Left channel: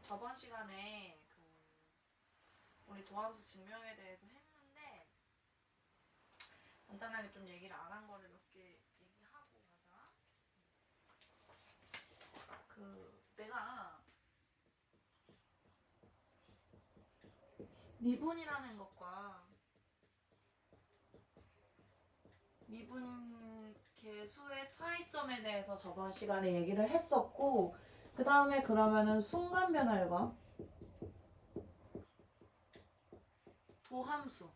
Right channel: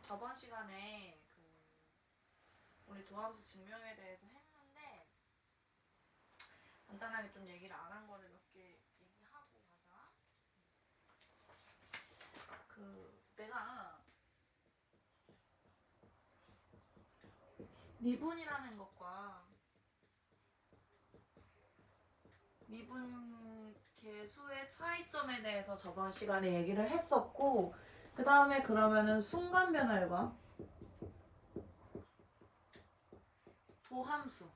저번 시간에 우리 도함수 증명에 대해서 했는데 간단하게 좀 얘기를 안 한 거를 몇 개 얘기하고 가자. 내가 미분이라는 것과 미분 계수의 차이점에 대해서 저번 시간에 얘기를 했었고, 그 다음에 그러면은 순간 변화를 봐. 도함수.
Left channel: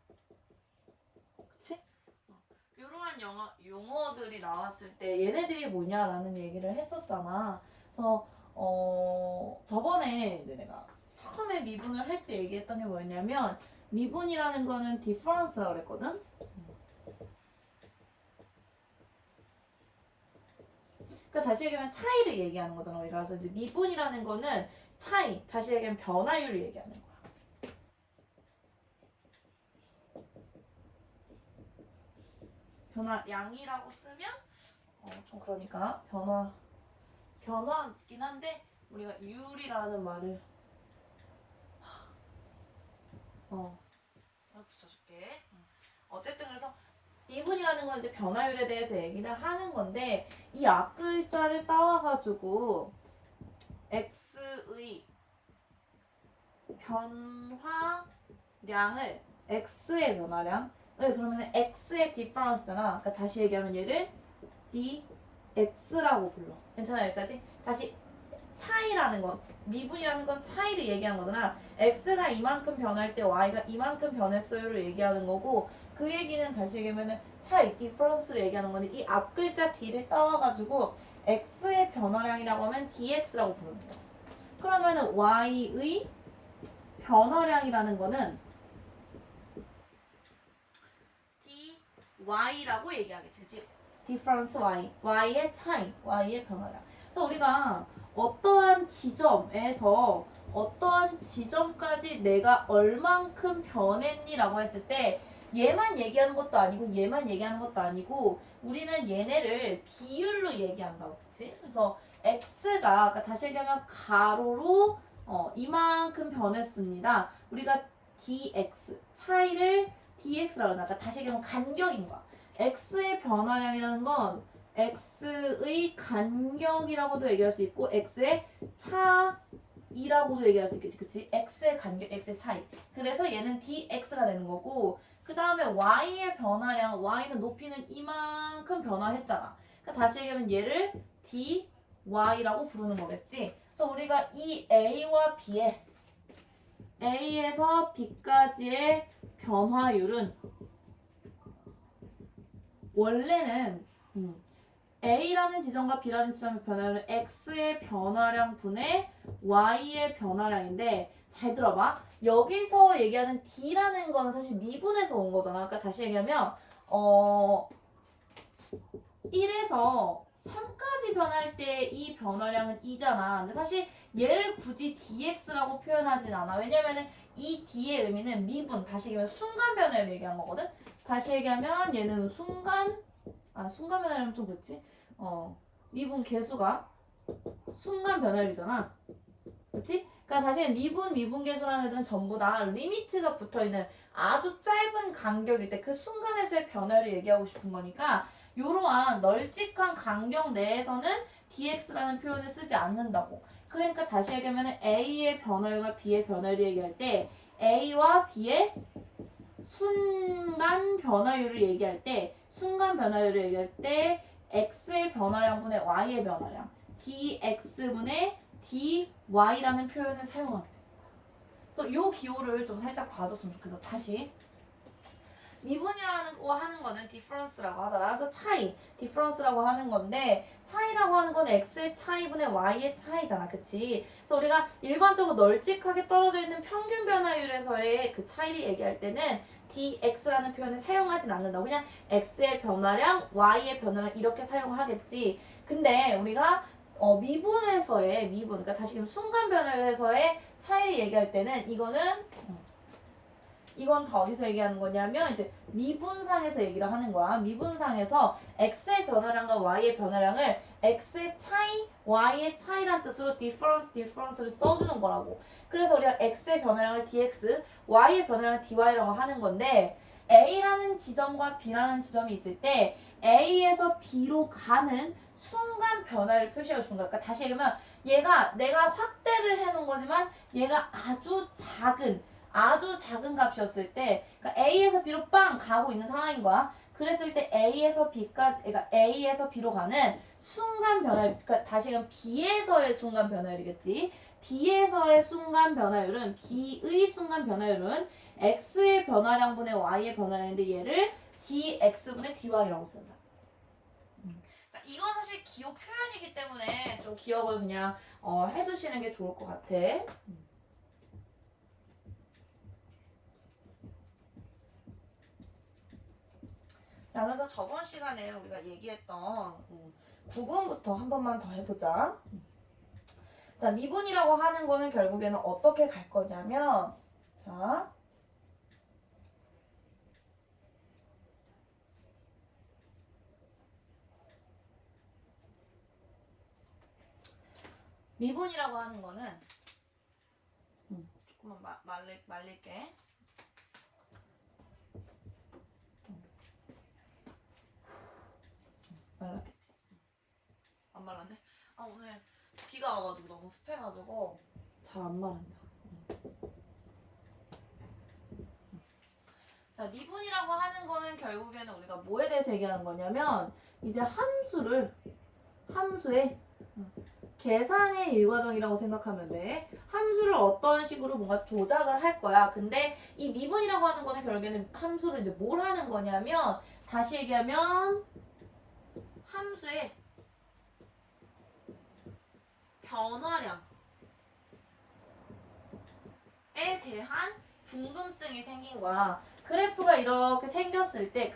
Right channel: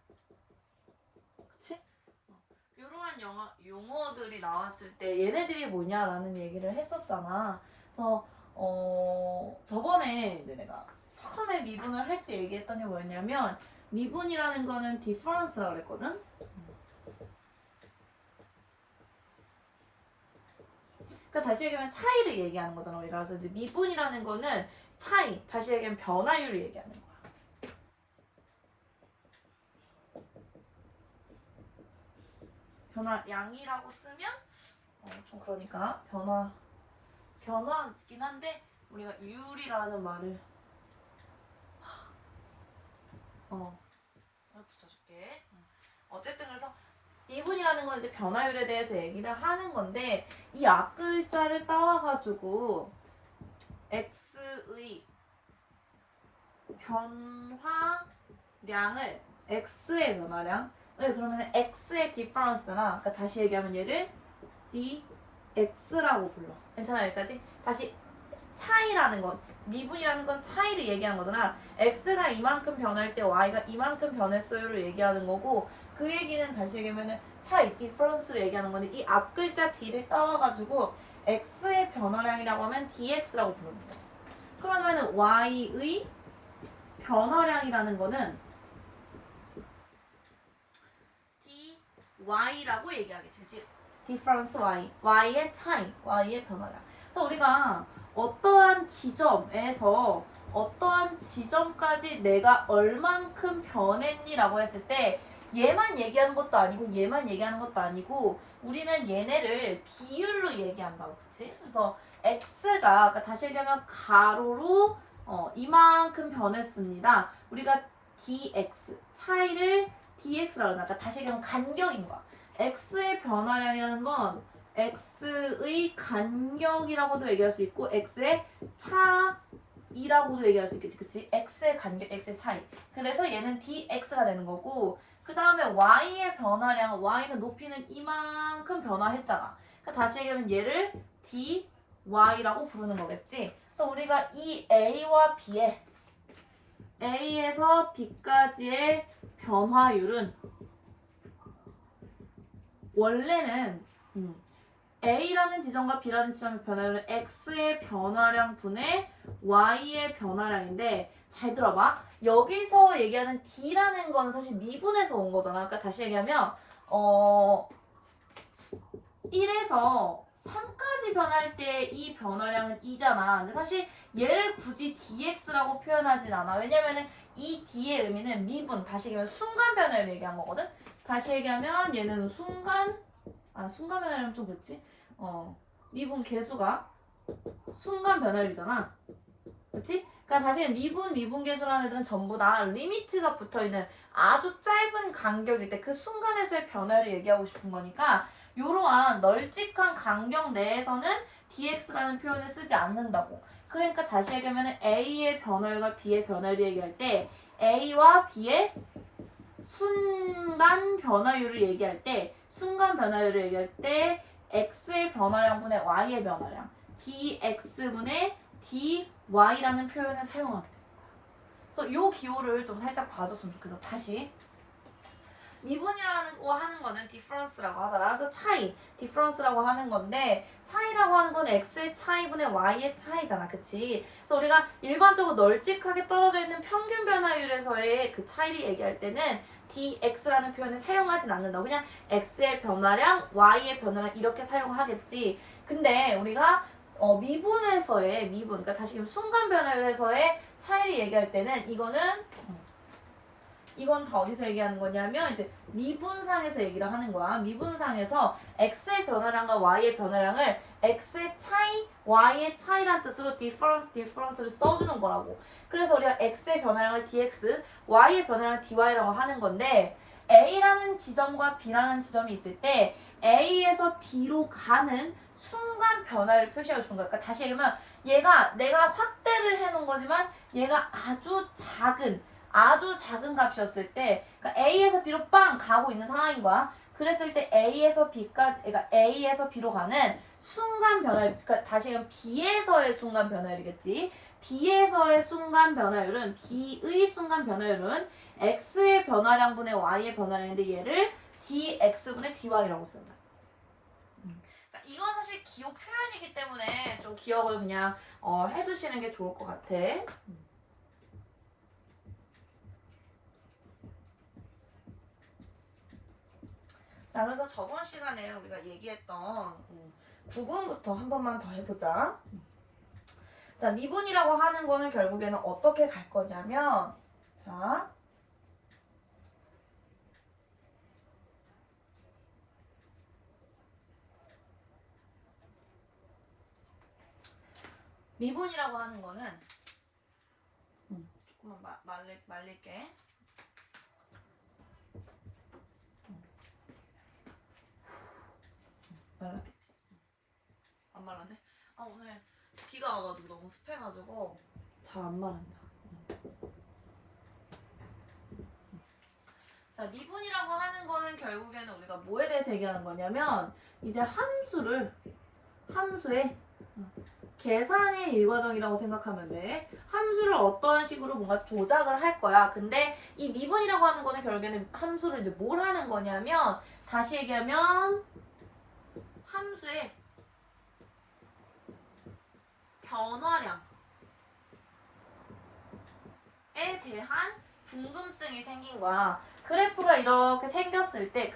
그치? 이러한 용어들이 나왔을 때 얘네들이 뭐냐라는 얘기를 했었잖아. 그래서 저번에 내가 처음에 미분을 할 때 얘기했던 게 뭐였냐면, 미분이라는 거는 디퍼런스라고 그랬거든? 그러니까 다시 얘기하면 차이를 얘기하는 거잖아, 우리가. 그래서 이제 미분이라는 거는 차이, 다시 얘기하면 변화율을 얘기하는 거야. 변화량이라고 쓰면 좀 그러니까 변화긴 한데 우리가 율이라는 말을 붙여줄게. 어쨌든 그래서 미분이라는 건 이제 변화율에 대해서 얘기를 하는 건데, 이 앞글자를 따와가지고 x의 변화량을 x의 변화량, 그러면 x의 디퍼런스나, 그러니까 다시 얘기하면 얘를 dx라고 불러. 괜찮아, 여기까지? 다시 차이라는 건, 미분이라는 건 차이를 얘기하는 거잖아. x가 이만큼 변할 때 y가 이만큼 변했어요를 얘기하는 거고, 그 얘기는 다시 얘기하면 차이, 디퍼런스를 얘기하는 건데, 이 앞글자 d를 따와가지고 x의 변화량이라고 하면 dx라고 부르는 거야. 그러면 y의 변화량이라는 거는 dy라고 얘기하겠지, 그치? difference y, y의 차이, y의 변화량. 그래서 우리가 어떠한 지점까지 내가 얼만큼 변했니라고 했을 때, 얘만 얘기하는 것도 아니고 얘만 얘기하는 것도 아니고 우리는 얘네를 비율로 얘기한다고, 그치? 그래서 x가, 그러니까 다시 얘기하면 가로로 이만큼 변했습니다. 우리가 dx 차이를 dx라고 하나. 그러니까 다시 얘기하면 간격인 거야. x의 변화량이라는 건 x의 간격이라고도 얘기할 수 있고 x의 차이라고도 얘기할 수 있겠지, 그치? x의 간격, x의 차이. 그래서 얘는 dx가 되는 거고, 그 다음에 y의 변화량, y는 높이는 이만큼 변화했잖아. 그러니까 다시 얘기하면 얘를 dy라고 부르는 거겠지. 그래서 우리가 이 a와 b의 A에서 B까지의 변화율은 원래는 A라는 지점과 B라는 지점의 변화율은 X의 변화량 분의 Y의 변화량인데, 잘 들어봐. 여기서 얘기하는 D라는 건 사실 미분에서 온 거잖아. 그러니까 다시 얘기하면 1에서 3까지 변할 때 이 변화량은 2잖아. 근데 사실 얘를 굳이 dx라고 표현하진 않아. 왜냐면은 이 d의 의미는 미분, 다시 얘기하면 순간 변화를 얘기한 거거든. 다시 얘기하면 얘는 순간 변화라면 좀 그렇지? 미분 계수가 순간 변화율이잖아. 그치? 그러니까 다시 미분 계수라는 애들은 전부 다 리미트가 붙어있는 아주 짧은 간격일 때 그 순간에서의 변화를 얘기하고 싶은 거니까, 이러한 널찍한 간격 내에서는 dx라는 표현을 쓰지 않는다고. 그러니까 다시 얘기하면 a의 변화율과 b의 변화율을 얘기할 때 a와 b의 순간 변화율을 얘기할 때, x의 변화량분의 y의 변화량, dx분의 dy라는 표현을 사용하게 돼요. 그래서 이 기호를 좀 살짝 봐줬으면 좋겠어. 다시 미분이라고 하는 거는 디퍼런스라고 하잖아. 그래서 차이, 디퍼런스라고 하는 건데, 차이라고 하는 건 x의 차이분의 y의 차이잖아, 그치? 그래서 우리가 일반적으로 널찍하게 떨어져 있는 평균 변화율에서의 그 차이를 얘기할 때는 dx라는 표현을 사용하진 않는다. 그냥 x의 변화량, y의 변화량 이렇게 사용하겠지. 근데 우리가 미분에서의 그러니까 다시 순간 변화율에서의 차이를 얘기할 때는 이거는 이건 다 어디서 얘기하는 거냐면 이제 미분상에서 얘기를 하는 거야. 미분상에서 x의 변화량과 y의 변화량을 x의 차이, y의 차이란 뜻으로 difference를 써주는 거라고. 그래서 우리가 x의 변화량을 dx, y의 변화량을 dy라고 하는 건데 a라는 지점과 b라는 지점이 있을 때 a에서 b로 가는 순간 변화를 표시하고 싶은 거야. 그러니까 다시 얘기하면 얘가 내가 확대를 해놓은 거지만 얘가 아주 작은 값이었을 때 그러니까 A에서 B로 빵 가고 있는 상황인 거야. 그랬을 때 A에서 B까지 그러니까 A에서 B로 가는 순간 변화율 그러니까 다시 얘기하면 B에서의 순간 변화율이겠지. B에서의 순간 변화율은 B의 순간 변화율은 X의 변화량분의 Y의 변화량인데 얘를 DX분의 DY라고 쓴다. 자, 이건 사실 기호 표현이기 때문에 좀 기억을 그냥 해두시는 게 좋을 것 같아. 자, 그래서 저번 시간에 우리가 얘기했던 구분부터 한 번만 더 해보자. 자, 미분이라고 하는 거는 결국에는 어떻게 갈 거냐면, 자, 미분이라고 하는 거는 조금만 말릴게. 말랐겠지? 안 말랐네? 아, 오늘 비가 와가지고 너무 습해가지고 잘 안 말란다. 자, 미분이라고 하는 거는 결국에는 우리가 뭐에 대해서 얘기하는 거냐면 이제 함수의 계산의 일과정이라고 생각하면 돼. 함수를 어떤 식으로 뭔가 조작을 할 거야. 근데 이 미분이라고 하는 거는 결국에는 함수를 이제 뭘 하는 거냐면 다시 얘기하면 함수의 변화량에 대한 궁금증이 생긴 거야. 그래프가 이렇게 생겼을 때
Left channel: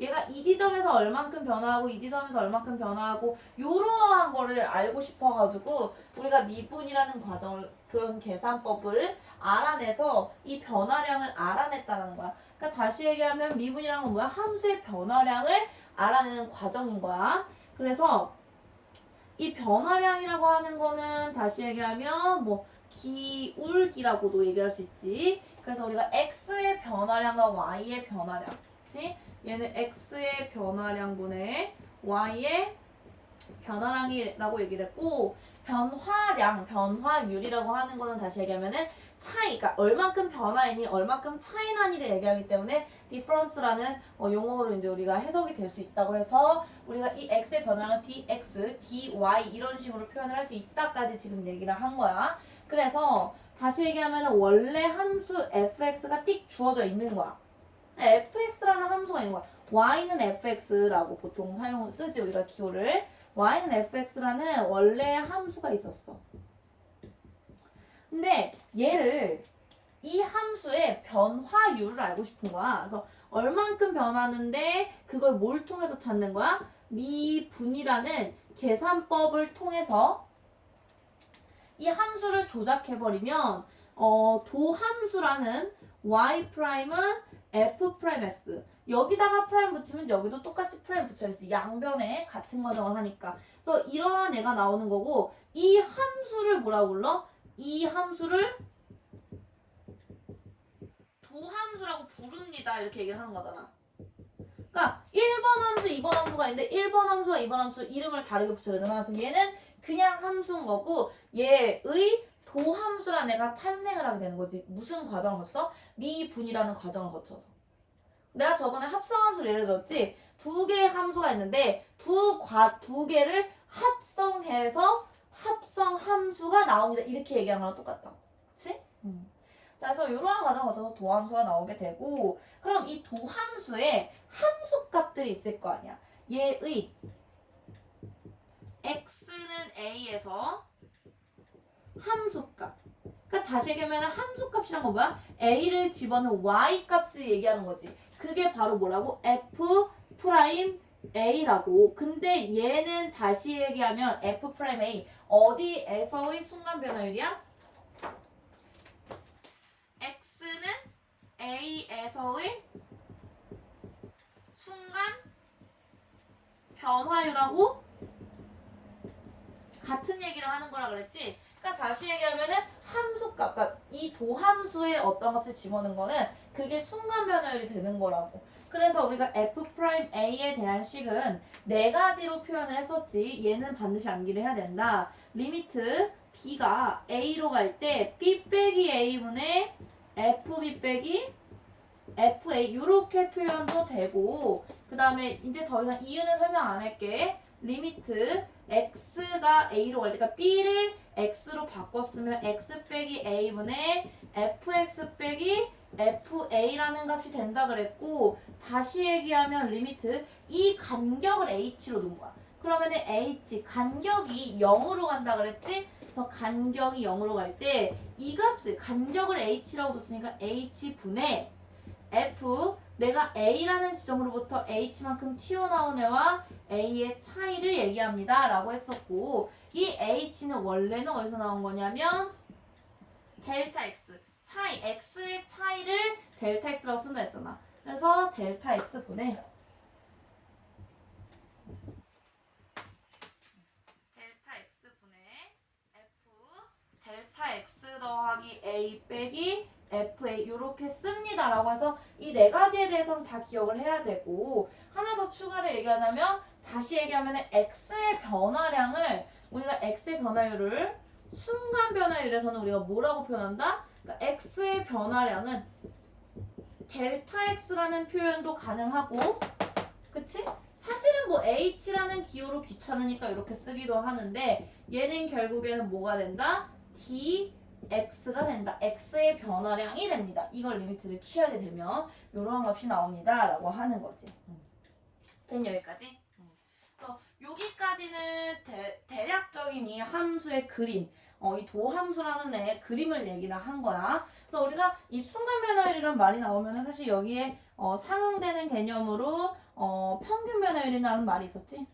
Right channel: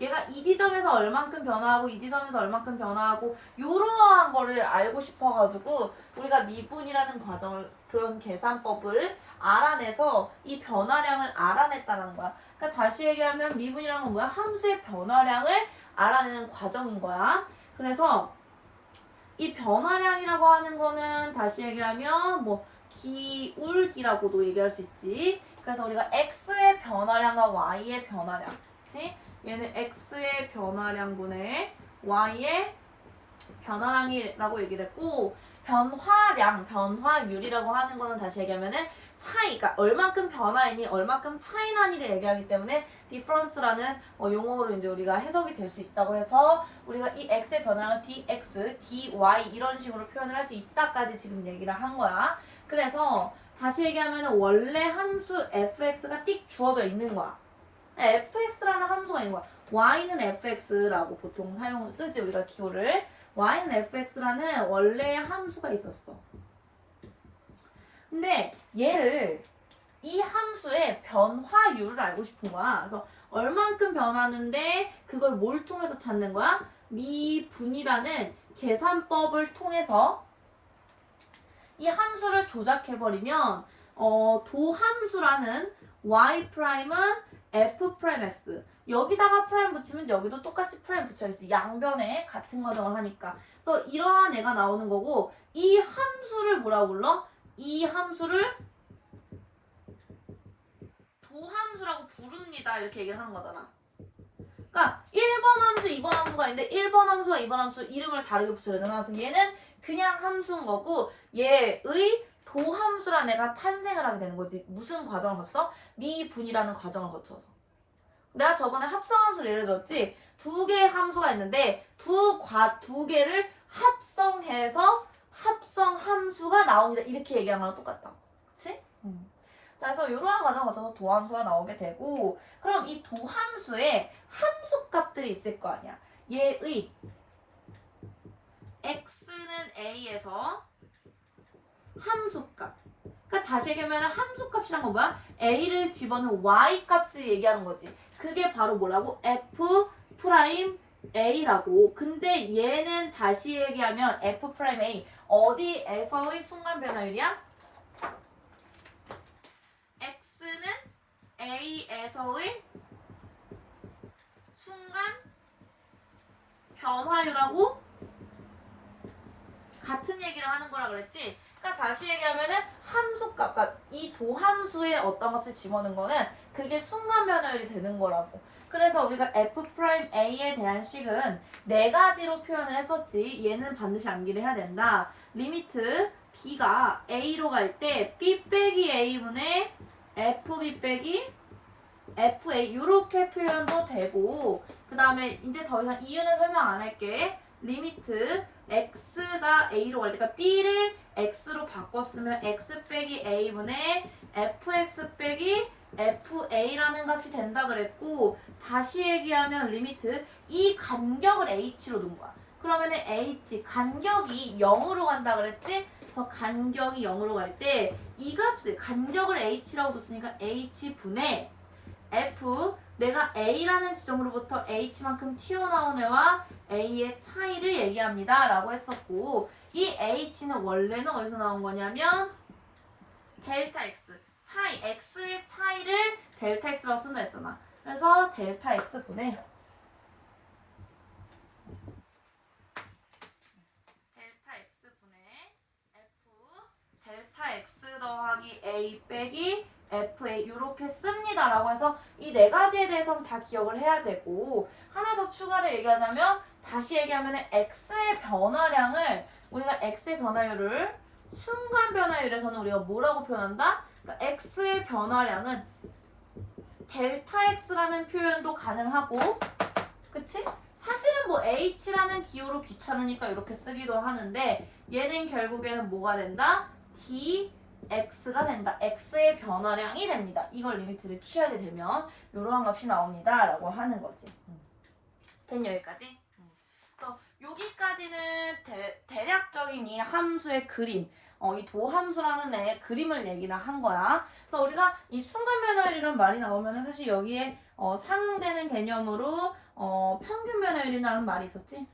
얘가 이 지점에서 얼만큼 변화하고 이 지점에서 얼만큼 변화하고 이러한 거를 알고 싶어가지고 우리가 미분이라는 과정을 그런 계산법을 알아내서 이 변화량을 알아냈다는 거야. 그러니까 다시 얘기하면 미분이라는 건 뭐야? 함수의 변화량을 알아내는 과정인 거야. 그래서 이 변화량이라고 하는 거는 다시 얘기하면 뭐 기울기라고도 얘기할 수 있지. 그래서 우리가 x의 변화량과 y의 변화량, 그치? 얘는 x의 변화량분의 y의 변화량이라고 얘기를 했고 변화율이라고 하는 거는 다시 얘기하면은 차이, 그러니까 얼만큼 변화했니, 얼만큼 차이 나니를 얘기하기 때문에 difference라는 용어로 이제 우리가 해석이 될 수 있다고 해서 우리가 이 x의 변화량을 dx, dy 이런 식으로 표현을 할 수 있다까지 지금 얘기를 한 거야. 그래서 다시 얘기하면 원래 함수 fx가 띡 주어져 있는 거야. fx라는 함수가 있는 거야. y는 fx라고 보통 쓰지 우리가 기호를. y는 fx라는 원래 함수가 있었어. 근데 얘를 이 함수의 변화율을 알고 싶은 거야. 그래서 얼만큼 변하는데 그걸 뭘 통해서 찾는 거야? 미분이라는 계산법을 통해서 이 함수를 조작해버리면 도함수라는 y'은 f'x 여기다가 프라임 붙이면 여기도 똑같이 프라임 붙여야지. 양변에 같은 과정을 하니까. 그래서 이러한 애가 나오는 거고 이 함수를 뭐라고 불러? 이 함수를 도함수라고 부릅니다. 이렇게 얘기를 하는 거잖아. 그러니까 1번 함수, 2번 함수가 있는데 1번 함수와 2번 함수 이름을 다르게 붙여야 되잖아. 그래서 얘는 그냥 함수인 거고 얘의 도함수라는 애가 탄생을 하게 되는 거지. 무슨 과정을 거쳐서? 미분이라는 과정을 거쳐서. 내가 저번에 합성함수를 예를 들었지. 두 개의 함수가 있는데 두 개를 합성해서 합성함수가 나옵니다. 이렇게 얘기한 거랑 똑같다고. 그치? 자, 그래서 이러한 과정을 거쳐서 도함수가 나오게 되고 그럼 이 도함수에 함수값들이 있을 거 아니야. 얘의 x는 a에서 함수값. 그러니까 다시 얘기하면 함수값이란 건 뭐야? a를 집어넣은 y값을 얘기하는 거지. 그게 바로 뭐라고? f'A라고. 근데 얘는 다시 얘기하면 f'A 어디에서의 순간 변화율이야? x는 A에서의 순간 변화율하고 같은 얘기를 하는 거라 그랬지? 그러니까 다시 얘기하면은 함수값, 그러니까 이 도함수에 어떤 값을 집어넣는 거는 그게 순간 변화율이 되는 거라고. 그래서 우리가 F'A에 대한 식은 네 가지로 표현을 했었지. 얘는 반드시 암기를 해야 된다. 리미트 B가 A로 갈 때 B 빼기 A분의 FB 빼기 FA 이렇게 표현도 되고, 그 다음에 이제 더 이상 이유는 설명 안 할게. 리미트 x가 a로 갈 때, 그러니까 b를 x로 바꿨으면 x 빼기 a분의 fx 빼기 fa라는 값이 된다 그랬고, 다시 얘기하면 리미트 이 간격을 h로 둔 거야. 그러면 h 간격이 0으로 간다 그랬지? 그래서 간격이 0으로 갈 때 이 값을 간격을 h라고 뒀으니까 h분의 F, 내가 A라는 지점으로부터 H만큼 튀어나온 애와 A의 차이를 얘기합니다. 라고 했었고, 이 H는 원래는 어디서 나온 거냐면 델타 X, 차이, X의 차이를 델타 X라고 쓴다 했잖아. 그래서 델타 X분의 델타 X분의 F 델타 X 더하기 A 빼기 FA 이렇게 씁니다. 라고 해서 이 네 가지에 대해서는 다 기억을 해야 되고, 하나 더 추가를 얘기하자면, 다시 얘기하면 X의 변화량을, 우리가 X의 변화율을 순간 변화율에서는 우리가 뭐라고 표현한다? 그러니까 X의 변화량은 델타 X라는 표현도 가능하고, 그치? 사실은 뭐 H라는 기호로 귀찮으니까 이렇게 쓰기도 하는데, 얘는 결국에는 뭐가 된다? dx가 된다. x의 변화량이 됩니다. 이걸 리미트를 키워야 되면 이러한 값이 나옵니다. 라고 하는 거지. 된 여기까지? 그래서 여기까지는 대략적인 이 함수의 그림, 이 도함수라는 애의 그림을 얘기를 한 거야. 그래서 우리가 이 순간 변화율이라는 말이 나오면 사실 여기에 상응되는 개념으로 평균 변화율이라는 말이 있었지.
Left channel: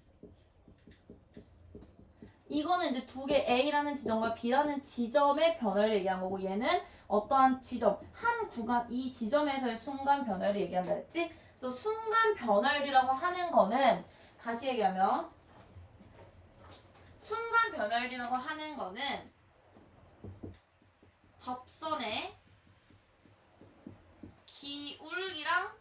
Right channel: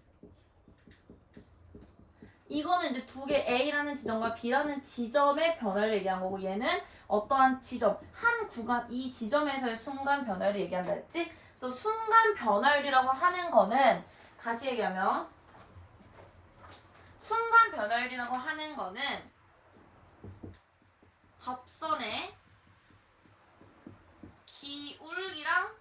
이거는 이제 두 개 A라는 지점과 B라는 지점의 변화를 얘기한 거고, 얘는 어떠한 지점, 한 구간, 이 지점에서의 순간 변화를 얘기한다 했지? 그래서 순간 변화율이라고 하는 거는, 다시 얘기하면 순간 변화율이라고 하는 거는 접선의 기울기랑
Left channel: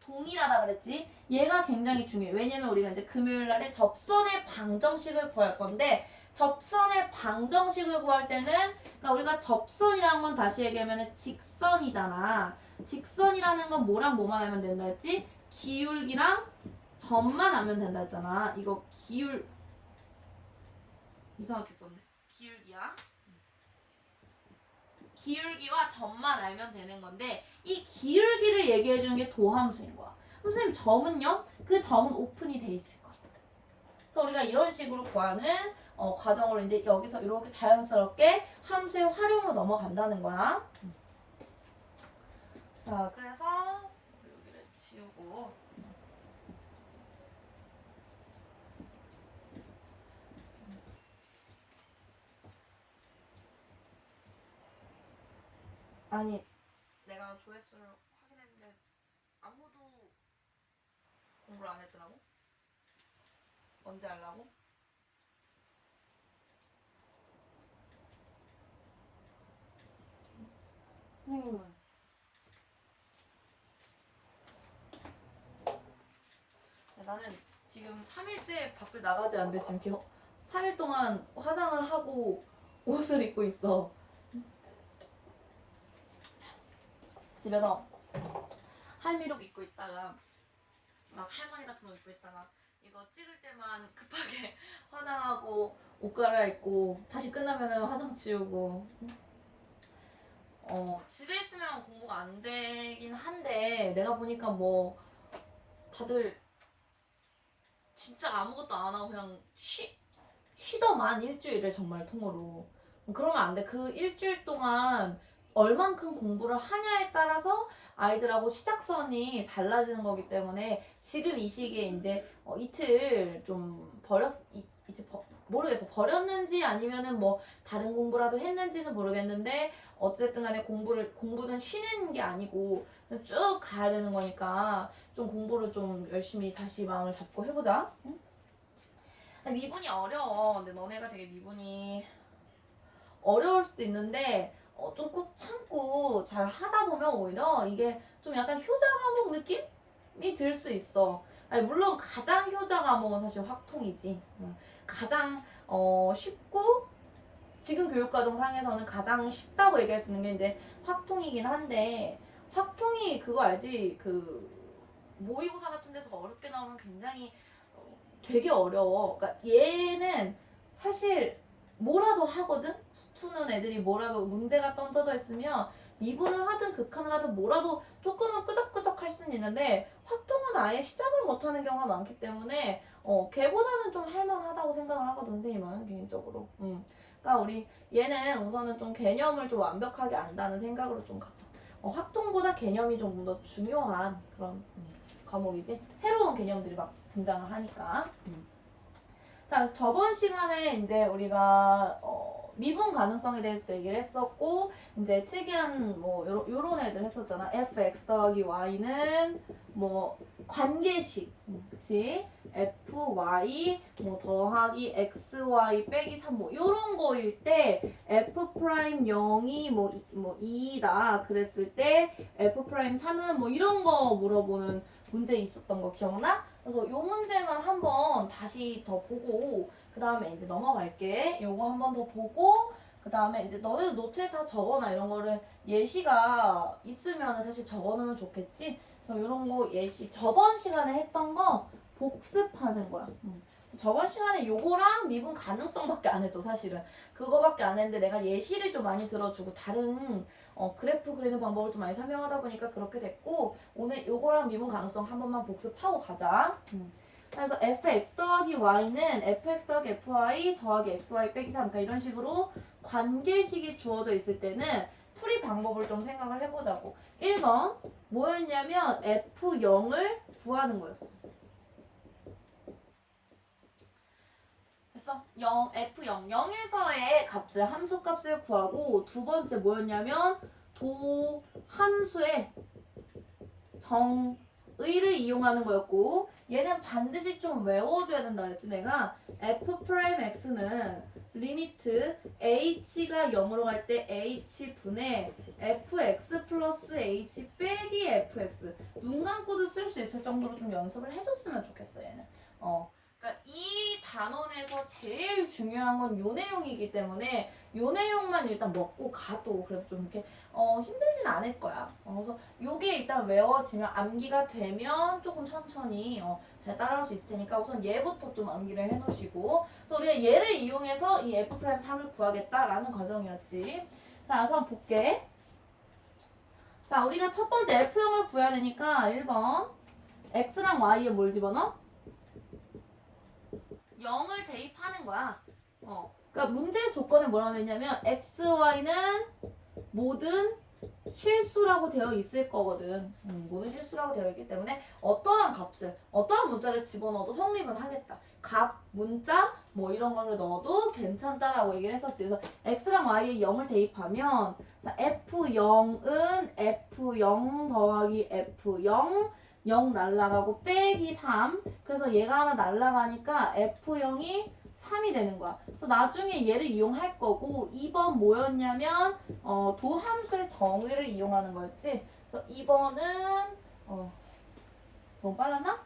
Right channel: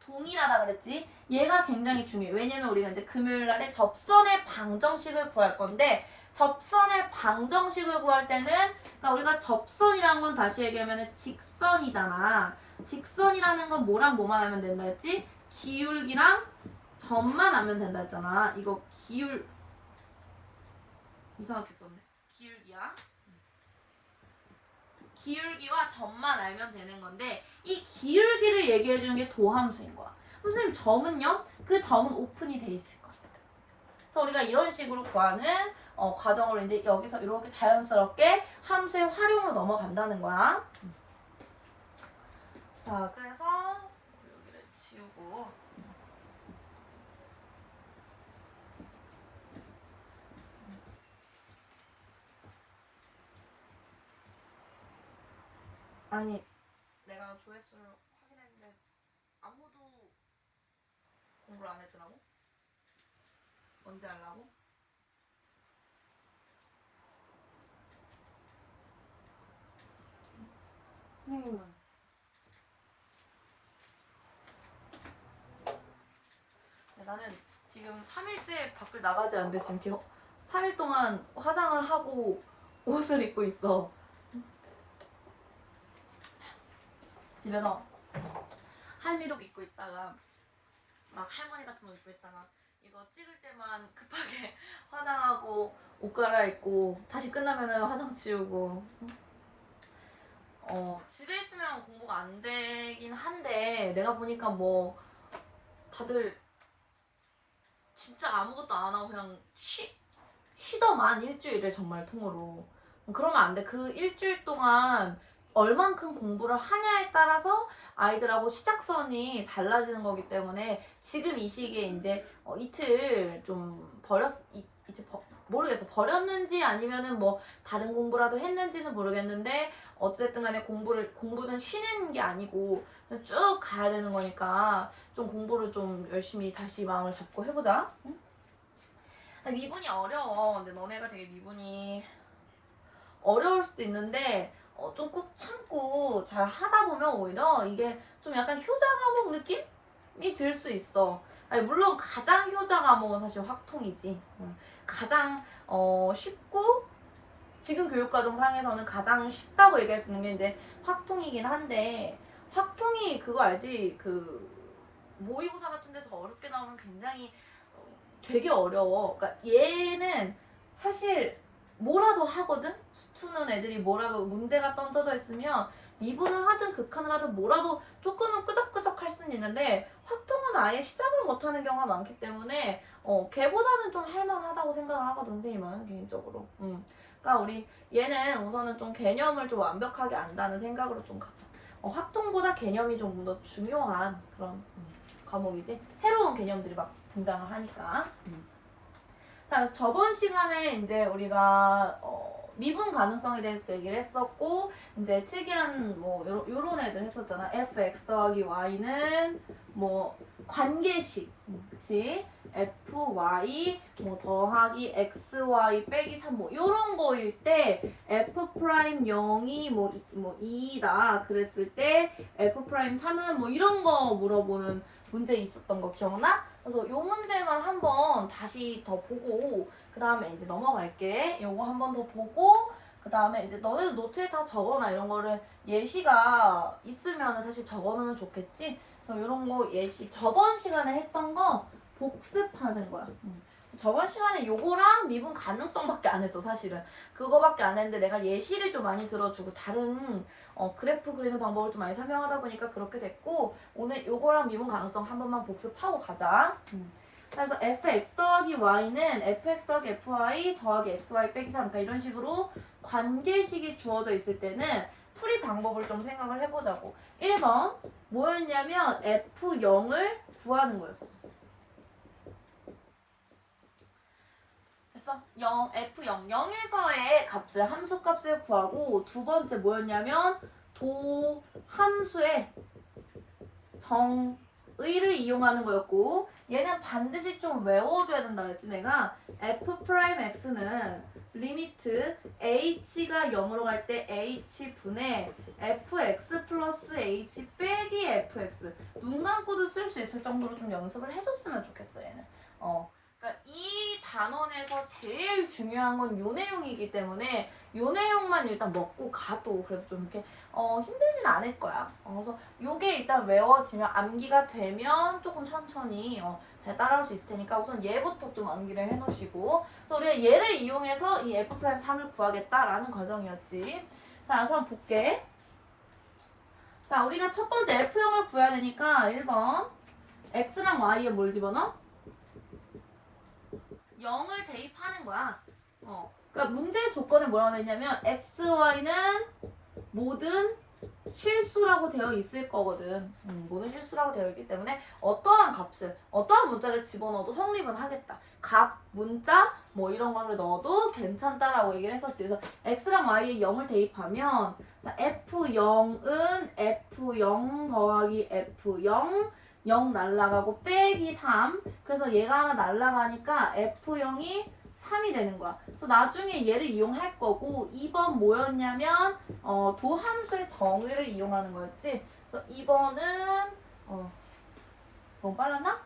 동일하다 그랬지? 얘가 굉장히 중요해. 왜냐면 우리가 이제 금요일 날에 접선의 방정식을 구할 건데, 접선의 방정식을 구할 때는, 그러니까 우리가 접선이란 건 다시 얘기하면 직선이잖아. 직선이라는 건 뭐랑 뭐만 하면 된다 했지? 기울기랑 점만 하면 된다 했잖아. 이거 이상하게 썼네. 기울기야. 기울기와 점만 알면 되는 건데, 이 기울기를 얘기해 주는 게 도함수인 거야. 그럼 선생님 점은요? 그 점은 오픈이 돼 있을 거야. 그래서 우리가 이런 식으로 구하는 과정으로 이제 여기서 이렇게 자연스럽게 함수의 활용으로 넘어간다는 거야. 자, 그래서 여기를 지우고, 아니 내가 조회수를 확인했는데 아무도 공부를 안 했더라고. 언제 하려고? 선생님은 나는 지금 3일째 밖을 나가지 않는데 지금 이렇게 3일 동안 화장을 하고 옷을 입고 있어. 집에서 할미룩 입고 있다가 막 할머니 같은 옷 입고 있다가 이거 찍을 때만 급하게 화장하고 옷 갈아입고 다시 끝나면은 화장 지우고. 집에 있으면 공부가 안 되긴 한데, 내가 보니까 뭐 다들 진짜 아무것도 안 하고 그냥 쉬더만 일주일을 정말 통으로. 그러면 안 돼. 그 일주일 동안 얼만큼 공부를 하냐에 따라서 아이들하고 시작선이 달라지는 거기 때문에 지금 이 시기에 이제 이틀 좀 이제 모르겠어. 버렸는지 아니면은 뭐 다른 공부라도 했는지는 모르겠는데 어쨌든 간에 공부는 쉬는 게 아니고 쭉 가야 되는 거니까 좀 공부를 좀 열심히 다시 마음을 잡고 해보자. 응? 미분이 어려워. 근데 너네가 되게 미분이 어려울 수도 있는데 좀 꾹 참고 잘 하다 보면 오히려 이게 좀 약간 효자 과목 느낌이 들 수 있어. 아니, 물론 가장 효자 과목은 사실 확통이지. 가장 쉽고 지금 교육과정상에서는 가장 쉽다고 얘기할 수 있는 게 이제 확통이긴 한데 확통이 그거 알지? 그 모의고사 같은 데서 어렵게 나오면 굉장히 되게 어려워. 그러니까 얘는 사실 뭐라도 하거든? 수투는 애들이 뭐라도 문제가 던져져 있으면 미분을 하든 극한을 하든 뭐라도 조금은 끄적끄적 할 수는 있는데 확통은 아예 시작을 못하는 경우가 많기 때문에 걔보다는 좀 할만하다고 생각을 하거든 선생님은 개인적으로. 그러니까 우리 얘는 우선은 좀 개념을 좀 완벽하게 안다는 생각으로 좀 가자. 확통보다 개념이 좀 더 중요한 그런 과목이지. 새로운 개념들이 막 등장을 하니까. 자, 그래서 저번 시간에 이제 우리가 미분 가능성에 대해서 얘기를 했었고, 이제 특이한 뭐 요런 애들 했었잖아. fx 더하기 y는 뭐 관계식, 그치? fy 뭐 더하기 xy 빼기 3 뭐 요런 거일 때 f 프라임 0이 뭐 2다 그랬을 때 f 프라임 3은 뭐 이런 거 물어보는 문제 있었던 거 기억나? 그래서 요 문제만 한번 다시 더 보고 그 다음에 이제 넘어갈게. 요거 한번 더 보고 그 다음에 이제 너네도 노트에 다 적어놔. 이런 거를 예시가 있으면 사실 적어놓으면 좋겠지. 그래서 이런 거 예시 저번 시간에 했던 거 복습하는 거야. 저번 시간에 요거랑 미분 가능성밖에 안 했어 사실은. 그거밖에 안 했는데 내가 예시를 좀 많이 들어주고 다른 그래프 그리는 방법을 좀 많이 설명하다 보니까 그렇게 됐고 오늘 요거랑 미분 가능성 한 번만 복습하고 가자. 그래서 fx 더하기 y는 fx 더하기 fy 더하기 xy 빼기 3 그러니까 이런 식으로 관계식이 주어져 있을 때는 풀이 방법을 좀 생각을 해보자고. 1번 뭐였냐면 f0을 구하는 거였어. 됐어? 0, f0, 0에서의 값을 함수 값을 구하고 두 번째 뭐였냐면 도 함수의 정의를 이용하는 거였고 얘는 반드시 좀 외워줘야 된다 그랬지 내가. f'x는 리미트 h가 0으로 갈 때 h분의 fx 플러스 h 빼기 fx 눈 감고도 쓸 수 있을 정도로 좀 연습을 해줬으면 좋겠어 얘는. 그러니까 이 단원에서 제일 중요한 건 요 내용이기 때문에 요 내용만 일단 먹고 가도 그래도 좀 이렇게 힘들진 않을 거야. 그래서 요게 일단 외워지면 암기가 되면 조금 천천히 잘 따라올 수 있을 테니까 우선 얘부터 좀 암기를 해놓으시고 그래서 우리가 얘를 이용해서 이 F'3을 구하겠다라는 과정이었지. 자, 우선 볼게. 자, 우리가 첫 번째 F형을 구해야 되니까 1번 X랑 Y에 뭘 집어넣어? 0을 대입하는 거야. 그러니까 문제의 조건에 뭐라고 되어 있냐면 X, Y는 모든 실수라고 되어 있을 거거든. 모든 실수라고 되어 있기 때문에 어떠한 값을, 어떠한 문자를 집어넣어도 성립은 하겠다. 값, 문자, 뭐 이런 거를 넣어도 괜찮다라고 얘기를 했었지. 그래서 x랑 y에 0을 대입하면 자, f0은 f0 더하기 f0 0 날라가고 빼기 3 그래서 얘가 하나 날라가니까 f0이 3이 되는 거야. 그래서 나중에 얘를 이용할 거고 2번 뭐였냐면 도함수의 정의를 이용하는 거였지. 그래서 2번은 너무 빨랐나?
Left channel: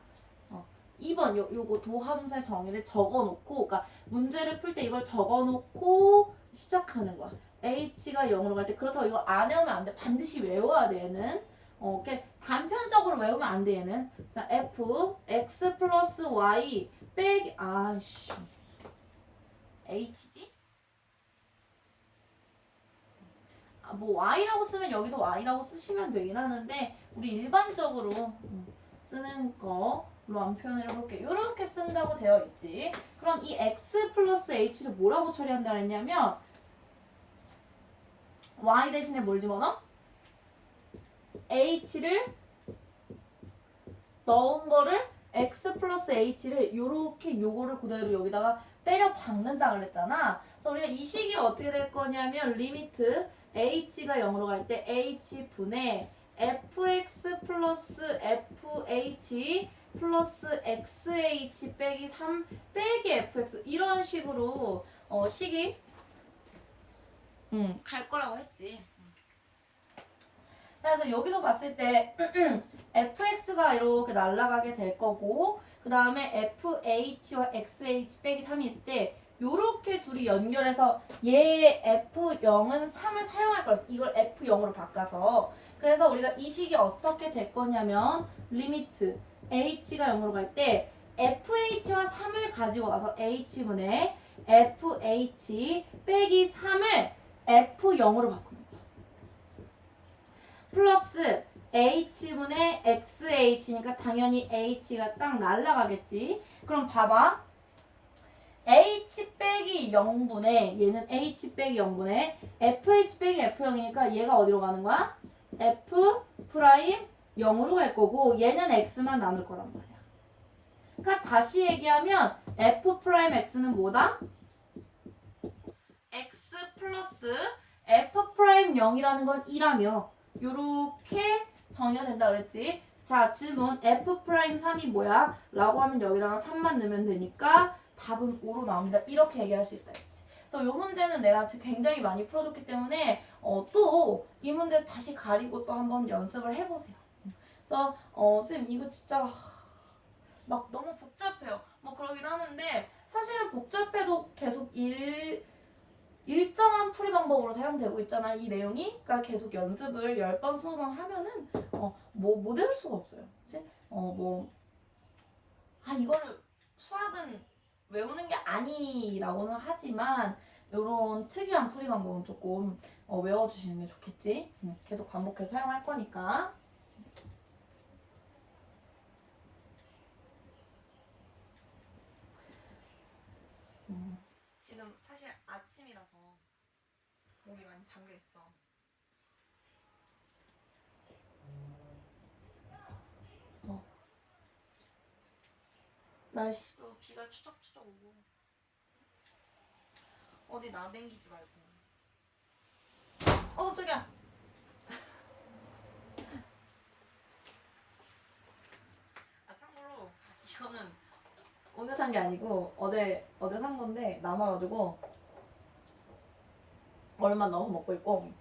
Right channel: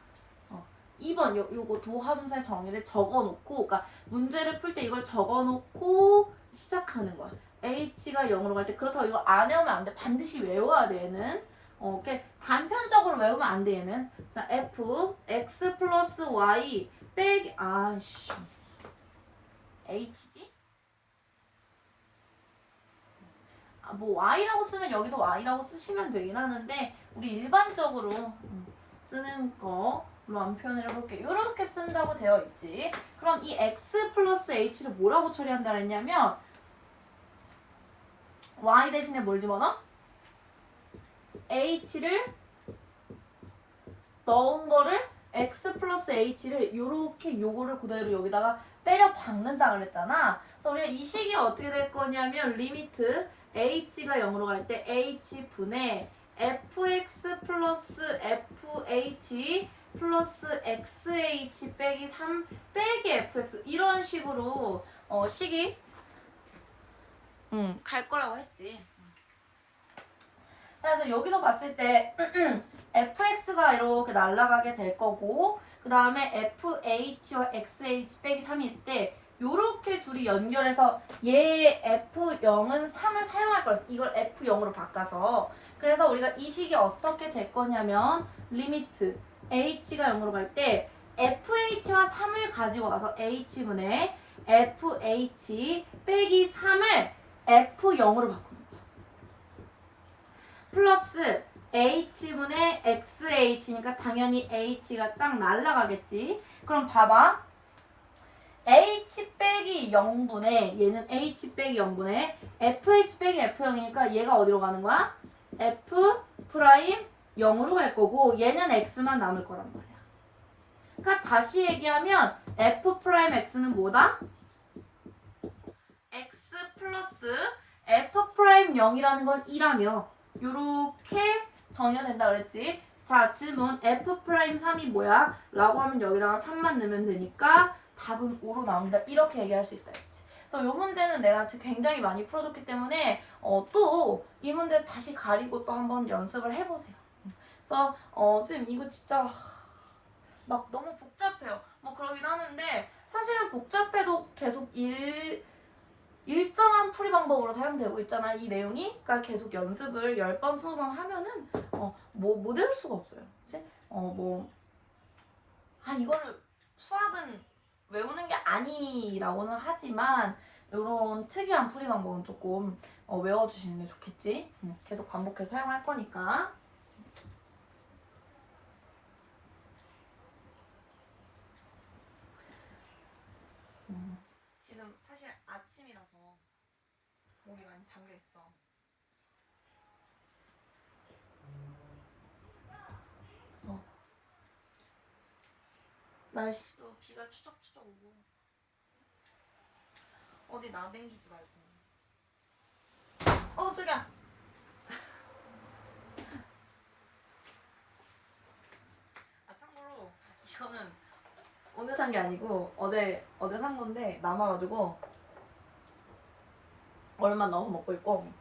2번 요거 도함수의 정의를 적어놓고 그러니까 문제를 풀 때 이걸 적어놓고 시작하는 거야. h가 0으로 갈 때 그렇다고 이거 안 외우면 안 돼. 반드시 외워야 돼 얘는. 이렇게 단편적으로 외우면 안 돼 얘는. 자 f x 플러스 y 빼기 아씨 h지? 뭐 y라고 쓰면 여기도 y라고 쓰시면 되긴 하는데 우리 일반적으로 쓰는 거로 한번 표현을 해볼게요. 이렇게 쓴다고 되어 있지. 그럼 이 x 플러스 h를 뭐라고 처리한다 그랬냐면 y 대신에 뭘 집어넣어? h를 넣은 거를 x 플러스 h를 요렇게 요거를 그대로 여기다가 때려 박는다 그랬잖아. 그래서 우리가 이 식이 어떻게 될 거냐면 리미트 h가 0으로 갈 때 h분의 fx 플러스 fh 플러스 xh 빼기 3 빼기 fx 이런 식으로 식이 갈 거라고 했지. 자, 그래서 여기서 봤을 때 fx가 이렇게 날아가게 될 거고 그 다음에 fh와 xh 빼기 3이 있을 때 요렇게 둘이 연결해서 얘 f0은 3을 사용할 거였어. 이걸 f0으로 바꿔서. 그래서 우리가 이 식이 어떻게 될 거냐면 리미트 h가 0으로 갈 때 fh와 3을 가지고 와서 h분의 fh 빼기 3을 f0으로 바꾸는 거야. 플러스 h분의 xh니까 당연히 h가 딱 날라가겠지. 그럼 봐봐. h 빼기 0분의 얘는 h 빼기 0분의 fh 빼기 f0이니까 얘가 어디로 가는 거야? f 프라임 0으로 갈 거고 얘는 x만 남을 거란 말이야. 그러니까 다시 얘기하면 f 프라임 x는 뭐다? x 플러스 f 프라임 0이라는 건 2라며 요렇게 정의가 된다 그랬지. 자, 질문 f 프라임 3이 뭐야? 라고 하면 여기다가 3만 넣으면 되니까 답은 5로 나온다. 이렇게 얘기할 수 있다 했지. 그래서 이 문제는 내가 굉장히 많이 풀어줬기 때문에 또 이 문제 다시 가리고 또 한번 연습을 해보세요. 그래서 선생님 이거 진짜 막 너무 복잡해요. 뭐 그러긴 하는데 사실은 복잡해도 계속 일정한 풀이 방법으로 사용되고 있잖아 이 내용이. 그러니까 계속 연습을 10번 20번 하면은 못 외울 수가 없어요. 그치? 이거를 수학은 외우는 게 아니라고는 하지만 이런 특이한 풀이 방법은 조금 외워주시는 게 좋겠지. 계속 반복해서 사용할 거니까. 지금 사실 아침이라서 목이 많이 잠겨있어. 날씨도 비가 추적추적 오고 어디 나댕기지 말고. 깜짝이야. 참고로 이거는 오늘 산 게 아니고 어제 산 건데 남아가지고 얼마 넣어서 먹고 있고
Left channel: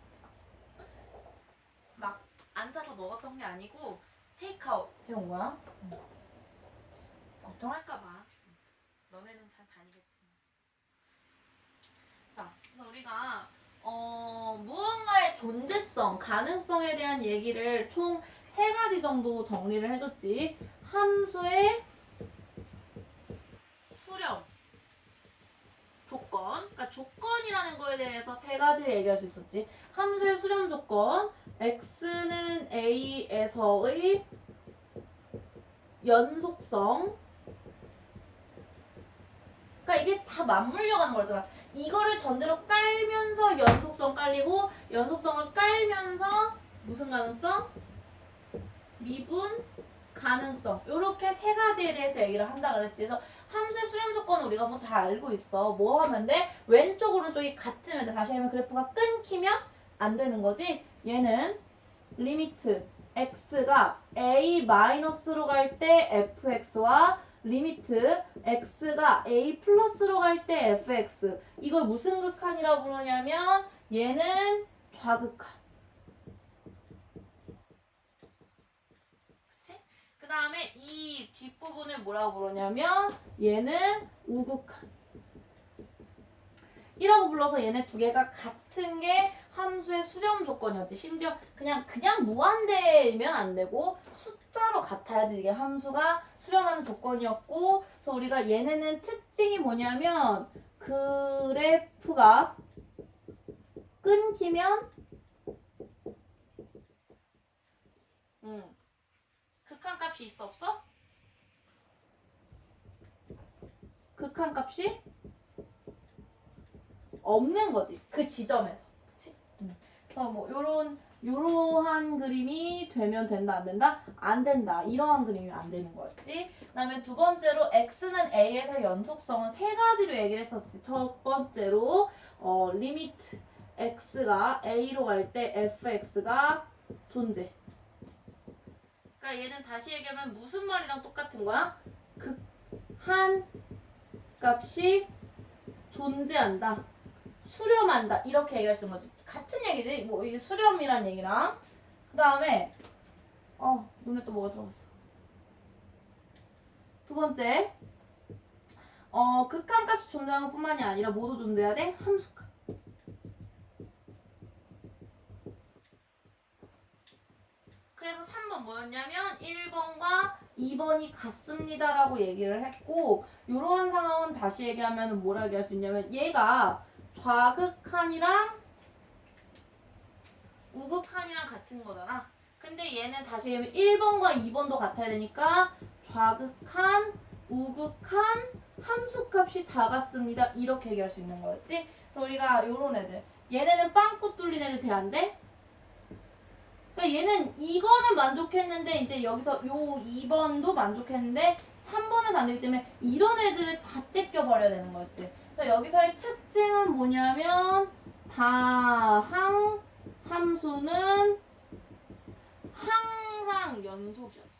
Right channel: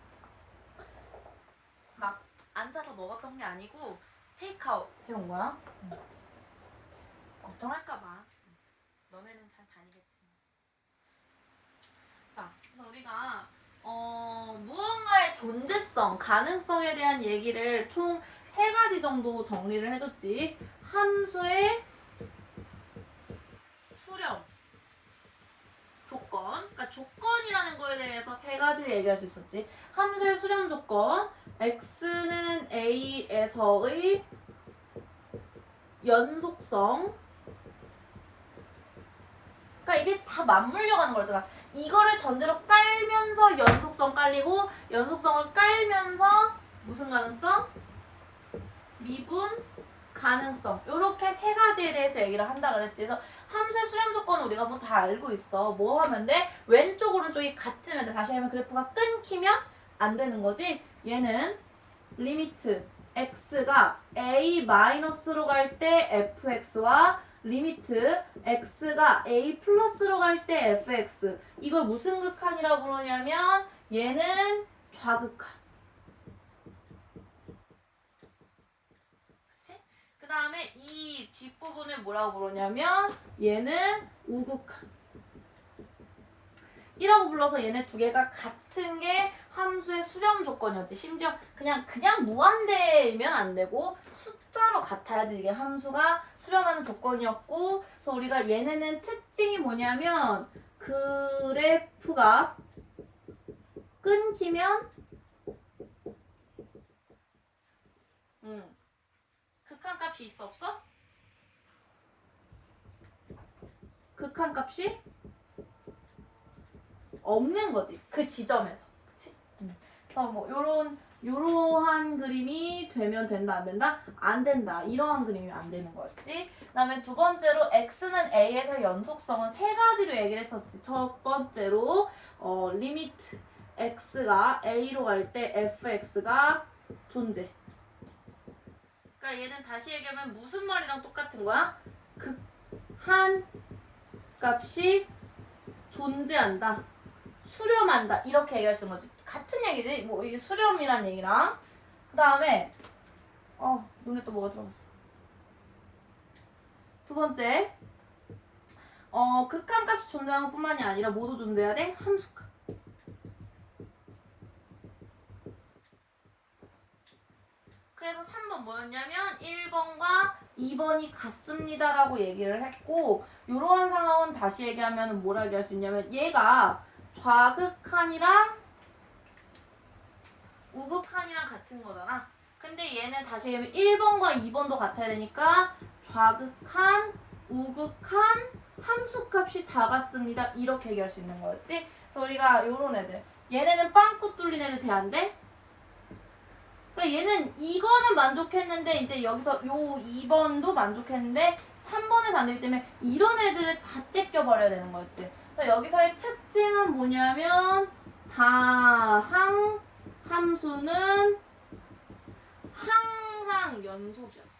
막 앉아서 먹었던 게 아니고 테이크아웃 해온 거야. 걱정할까봐. 너네는 잘 다니겠지. 자, 그래서 우리가 무언가의 존재성, 가능성에 대한 얘기를 총 3가지 정도 정리를 해줬지. 함수의 수렴, 조건. 그러니까 조건이라는 거에 대해서 3가지를 얘기할 수 있었지. 함수의 수렴 조건, x는 a에서의 연속성. 그러니까 이게 다 맞물려 가는 거잖아. 이거를 전제로 깔면서 연속성 깔리고 연속성을 깔면서 무슨 가능성? 미분 가능성. 이렇게 3가지에 대해서 얘기를 한다 그랬지. 그래서 함수의 수렴 조건은 우리가 뭐 다 알고 있어. 뭐 하면 돼? 왼쪽 오른쪽이 같으면 돼. 다시 하면 그래프가 끊기면 안 되는 거지. 얘는 리미트 x가 a-로 갈 때 fx와 리미트 x가 a 플러스로 갈 때 fx. 이걸 무슨 극한이라고 부르냐면 얘는 좌극한. 그치? 그 다음에 이 뒷부분을 뭐라고 부르냐면 얘는 우극한. 이라고 불러서 얘네 두 개가 같은 게 함수의 수렴 조건이었지. 심지어 그냥 무한대면 안 되고 숫자로 같아야 돼. 이게 함수가 수렴하는 조건이었고, 그래서 우리가 얘네는 특징이 뭐냐면 그래프가 끊기면 극한값이 있어 없어? 극한값이 없는 거지. 그 지점에서. 그치? 그래서 뭐 요러한 그림이 되면 된다 안 된다? 안 된다. 이러한 그림이 안 되는 거였지. 그다음에 두 번째로 x는 a에서 연속성은 세 가지로 얘기를 했었지. 첫 번째로 리미트 x가 a로 갈 때 fx가 존재. 그러니까 얘는 다시 얘기하면 무슨 말이랑 똑같은 거야? 극한 값이 존재한다. 수렴한다. 이렇게 얘기할 수 있는 거지. 같은 얘기지. 뭐 이게 수렴이란 얘기랑. 그 다음에 눈에 또 뭐가 들어갔어. 두 번째. 극한값이 존재하는 것뿐만이 아니라 모두 존재해야 돼. 함수값. 그래서 3번 뭐였냐면 1번과 2번이 같습니다라고 얘기를 했고 이러한 상황은 다시 얘기하면 뭐라 얘기할 수 있냐면 얘가 좌극한이랑 우극한이랑 같은 거잖아. 근데 얘는 다시 얘기하면 1번과 2번도 같아야 되니까 좌극한, 우극한, 함수값이 다 같습니다. 이렇게 얘기할 수 있는 거였지. 그래서 우리가 요런 애들. 얘네는 빵꾸 뚫린 애들 돼 안 돼? 그러니까 얘는 이거는 만족했는데 이제 여기서 요 2번도 만족했는데 3번에서 안 되기 때문에 이런 애들을 다 째껴버려야 되는 거였지. 그래서 여기서의 특징은 뭐냐면 다항 함수는 항상 연속이었다.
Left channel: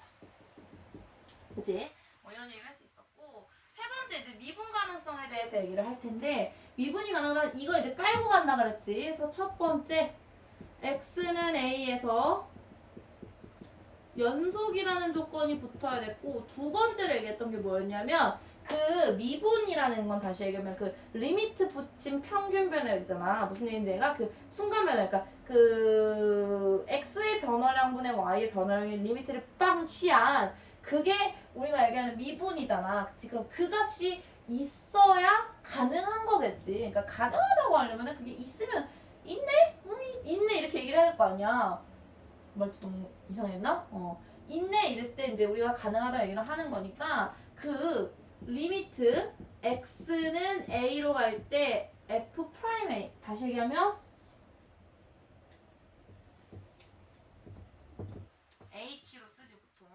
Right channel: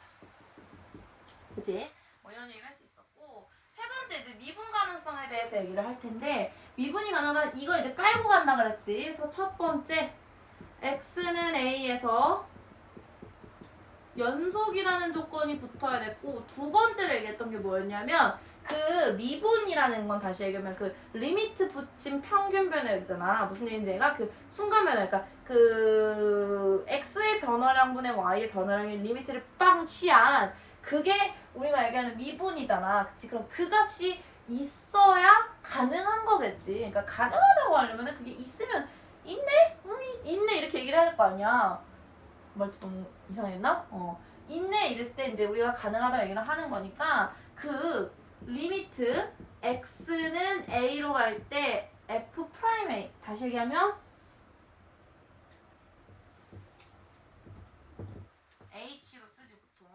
그치? 뭐 이런 얘기를 할 수 있었고 세 번째 이제 미분 가능성에 대해서 얘기를 할 텐데 미분이 가능한 이거 이제 깔고 간다 그랬지. 그래서 첫 번째 x는 a에서 연속이라는 조건이 붙어야 됐고 두 번째로 얘기했던 게 뭐였냐면 그 미분이라는 건 다시 얘기하면 그 리미트 붙인 평균 변화율이잖아. 무슨 얘기인지 얘가 그 순간 변화 그러니까 그 x의 변화량분의 y의 변화량의 리미트를 빵 취한 그게 우리가 얘기하는 미분이잖아. 그치? 그럼 그 값이 있어야 가능한 거겠지. 그러니까 가능하다고 하려면 그게 있으면 있네? 있네 이렇게 얘기를 해야 될 거 아니야. 말투 너무 이상했나? 있네 이랬을 때 이제 우리가 가능하다 얘기를 하는 거니까 그 리미트 x는 a로 갈 때 f 프라임 a 다시 얘기하면 h로 쓰지 보통.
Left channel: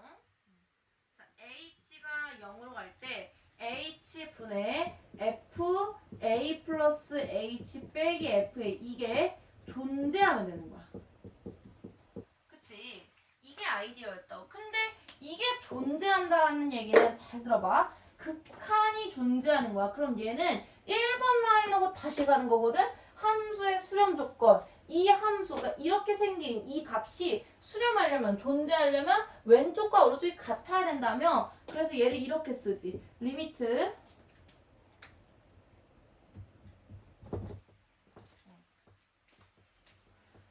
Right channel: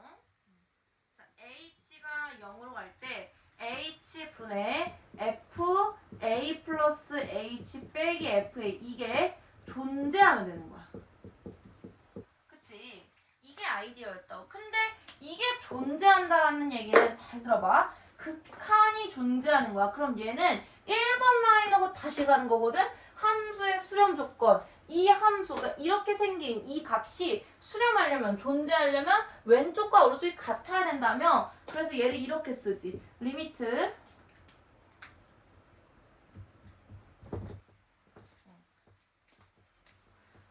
자, h가 0으로 갈 때 h 분의 f a 플러스 h 빼기 f a 이게 존재하면 되는 거야. 그치? 이게 아이디어였다고. 근데 이게 존재한다라는 얘기는 잘 들어봐. 극한이 존재하는 거야. 그럼 얘는 1번 라인하고 다시 가는 거거든? 함수의 수렴 조건. 이 함수가 이렇게 생긴 이 값이 수렴하려면 존재하려면 왼쪽과 오른쪽이 같아야 된다며. 그래서 얘를 이렇게 쓰지. 리미트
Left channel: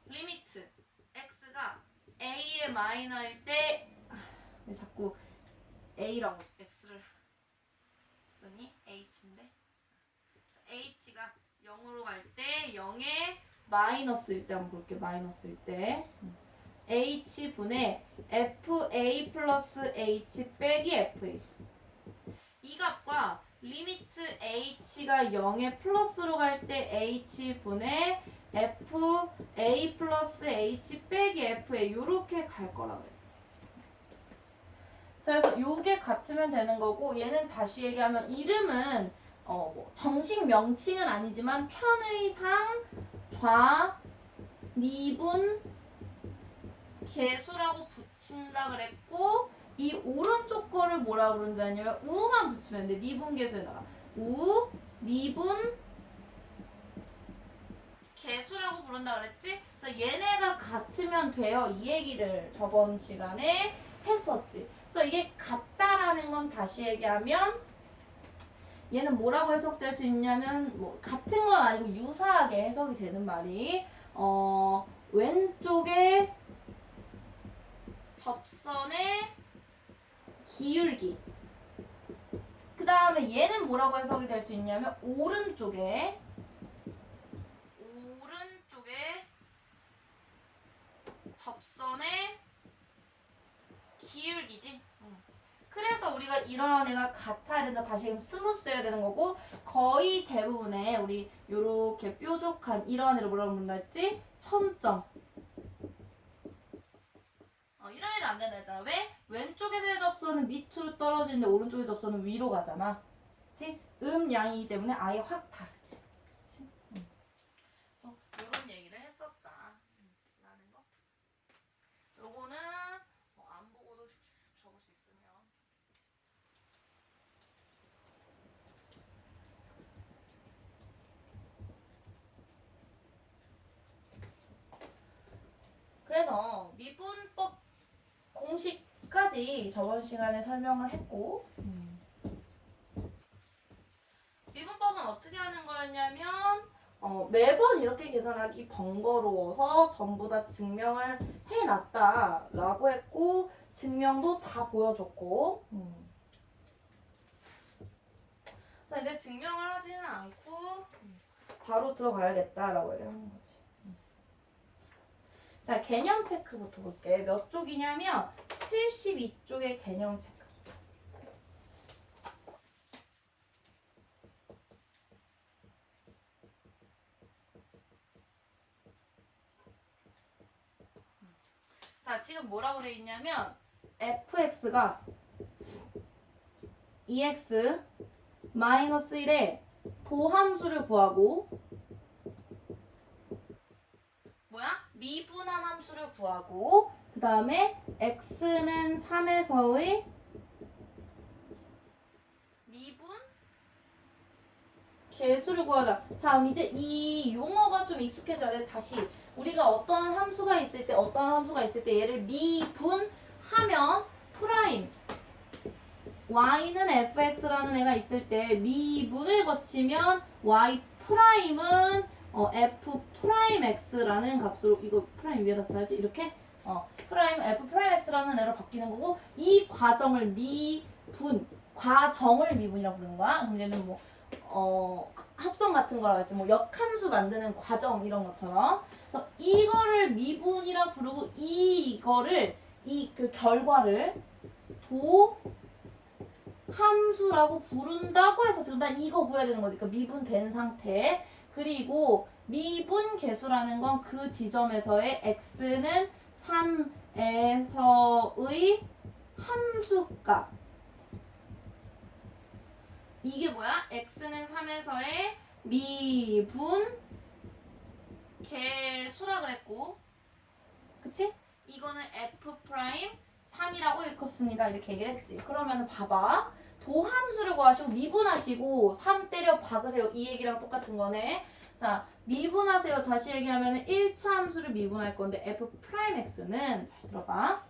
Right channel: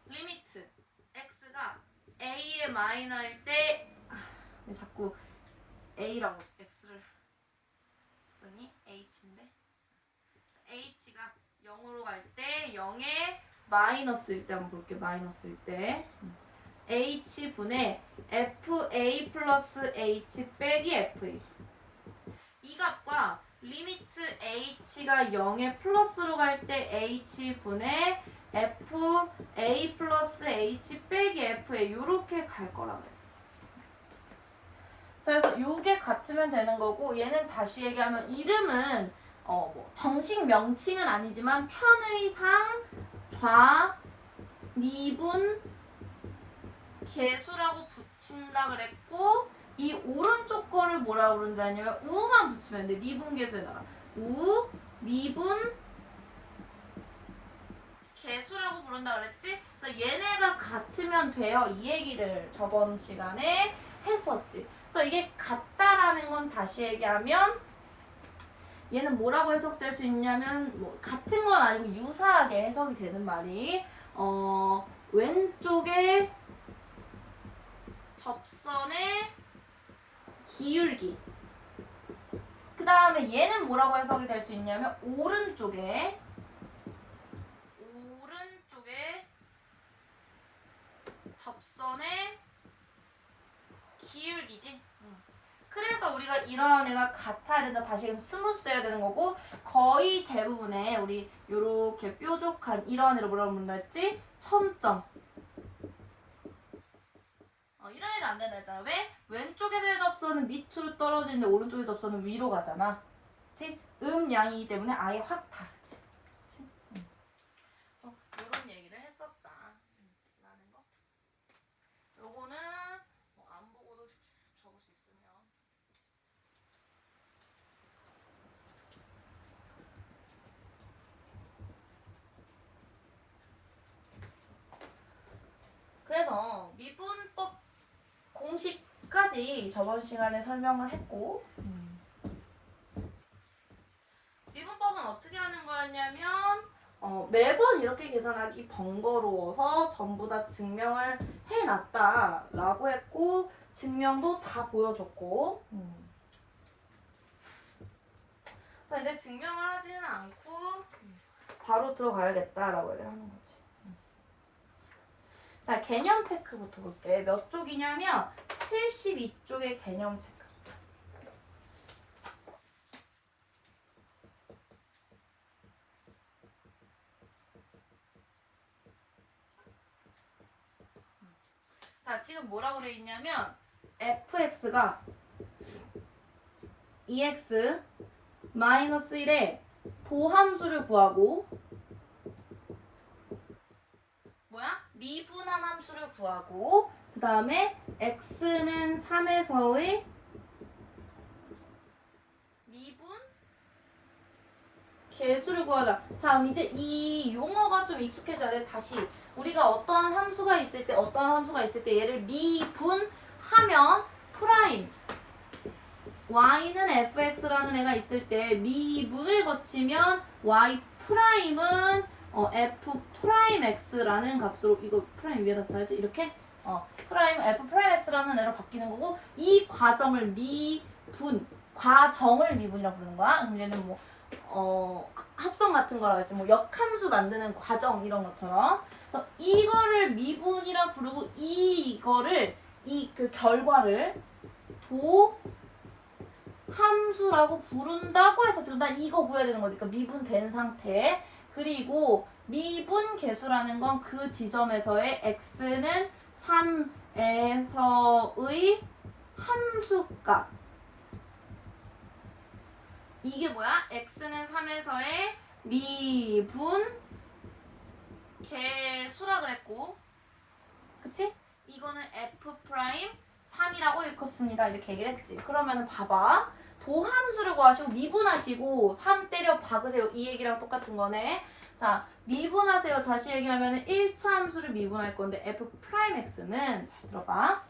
리미트 x가 a의 마이너일 때 왜 자꾸 a라고 x를 쓰니? h인데 h가 0으로 갈 때 0에 마이너스일 때 한번 볼게. 마이너스일 때 h분의 fa 플러스 h 빼기 fa 이 값과 리미트 h가 0에 플러스로 갈 때 h분의 fa 플러스 h 빼기 fa 이렇게 갈 거라고 했지. 자, 그래서 요게 같으면 되는 거고 얘는 다시 얘기하면 이름은 뭐 정식 명칭은 아니지만 편의상 좌 미분 계수라고 붙인다 그랬고 이 오른쪽 거를 뭐라고 부른다냐면 우만 붙이면 돼. 미분 계수에다가 우 미분 계수라고 부른다 그랬지? 그래서 얘네가 같으면 돼요. 이 얘기를 저번 시간에 했었지. 그래서 이게 같다라는 건 다시 얘기하면 얘는 뭐라고 해석될 수 있냐면 뭐 같은 건 아니고 유사하게 해석이 되는 말이 왼쪽에 접선의 기울기 그 다음에 얘는 뭐라고 해석이 될 수 있냐면 오른쪽에 접선의 기울기지. 그래서 우리가 이러한 애가 같아야 된다. 다시 스무스해야 되는 거고 거의 대부분의 우리 요렇게 뾰족한 이러한 애를 뭐라고 부른다 했지? 첨점. 이런 애는 안 된다 했잖아. 왜? 왼쪽에서의 접선은 밑으로 떨어지는데 오른쪽의 접선은 위로 가잖아. 그치? 음양이기 때문에 아예 확 다르지. 그치? 이런 얘기를 했었자. 라는 거. 요거는 안 보고도 적을 수 있으면. 그래서 미분법 공식까지 저번 시간에 설명을 했고 미분법은 어떻게 하는 거였냐면 매번 이렇게 계산하기 번거로워서 전부 다 증명을 해놨다라고 했고 증명도 다 보여줬고 자, 이제 증명을 하지는 않고 바로 들어가야겠다라고 얘기를 하는 거지. 자, 개념 체크부터 볼게. 몇 쪽이냐면 72쪽의 개념 체크. 자, 지금 뭐라고 돼 있냐면 fx가 2x 마이너스 1의 도함수를 구하고 미분한 함수를 구하고 그 다음에 x는 3에서의 미분 개수를 구하자. 자, 그럼 이제 이 용어가 좀 익숙해져야 돼. 다시 우리가 어떠한 함수가 있을 때 얘를 미분하면 프라임 y는 fx라는 애가 있을 때 미분을 거치면 y 프라임은 f 프라임 x라는 값으로 이거 프라임 위에다 써야지 이렇게 프라임 f 프라임 x라는 애로 바뀌는 거고 이 과정을 과정을 미분이라고 부르는 거야. 얘는 합성 같은 거라고 했지 역함수 만드는 과정 이런 것처럼 그래서 이거를 미분이라 부르고 이거를 그 결과를 함수라고 부른다고 해서 지금 난 이거 구해야 되는 거지. 그러니까 미분된 상태. 그리고 미분 계수라는 건 그 지점에서의 x는 3에서의 함수값. 이게 뭐야? x는 3에서의 미분 계수라 그랬고 그치? 이거는 f 프라임 3이라고 읽었습니다. 이렇게 얘기를 했지. 그러면 봐봐. 도함수를 구하시고 미분하시고 3 때려 박으세요. 이 얘기랑 똑같은 거네. 자, 미분하세요. 다시 얘기하면 1차 함수를 미분할 건데 f 프라임 x는 잘 들어봐.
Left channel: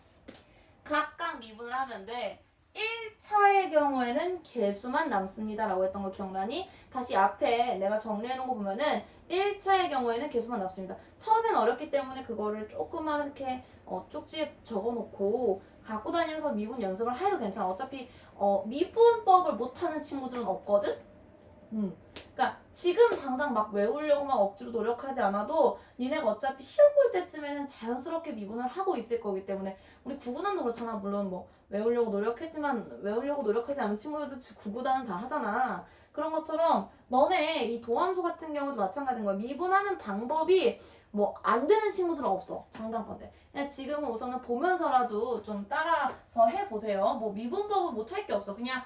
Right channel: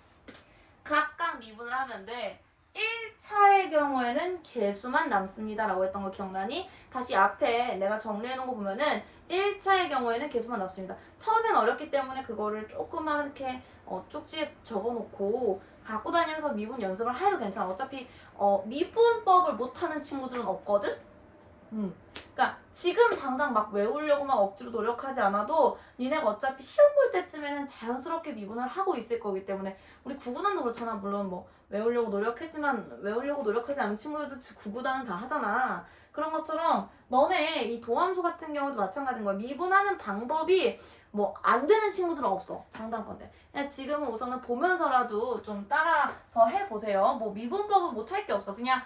각각 미분을 하면 돼. 1차의 경우에는 개수만 남습니다. 라고 했던 거 기억나니? 다시 앞에 내가 정리해 놓은 거 보면은 1차의 경우에는 개수만 남습니다. 처음엔 어렵기 때문에 그거를 조그맣게 쪽지에 적어놓고 갖고 다니면서 미분 연습을 해도 괜찮아. 어차피 미분법을 못하는 친구들은 없거든? 그러니까 지금 당장 막 외우려고 막 억지로 노력하지 않아도 니네가 어차피 시험 볼 때쯤에는 자연스럽게 미분을 하고 있을 거기 때문에 우리 구구단도 그렇잖아. 물론 외우려고 노력했지만 외우려고 노력하지 않은 친구들도 구구단은 다 하잖아. 그런 것처럼 너네 이 도함수 같은 경우도 마찬가지인 거야. 미분하는 방법이 안 되는 친구들은 없어. 장단건데. 그냥 지금은 우선은 보면서라도 좀 따라서 해보세요. 미분법은 못할 게 없어. 그냥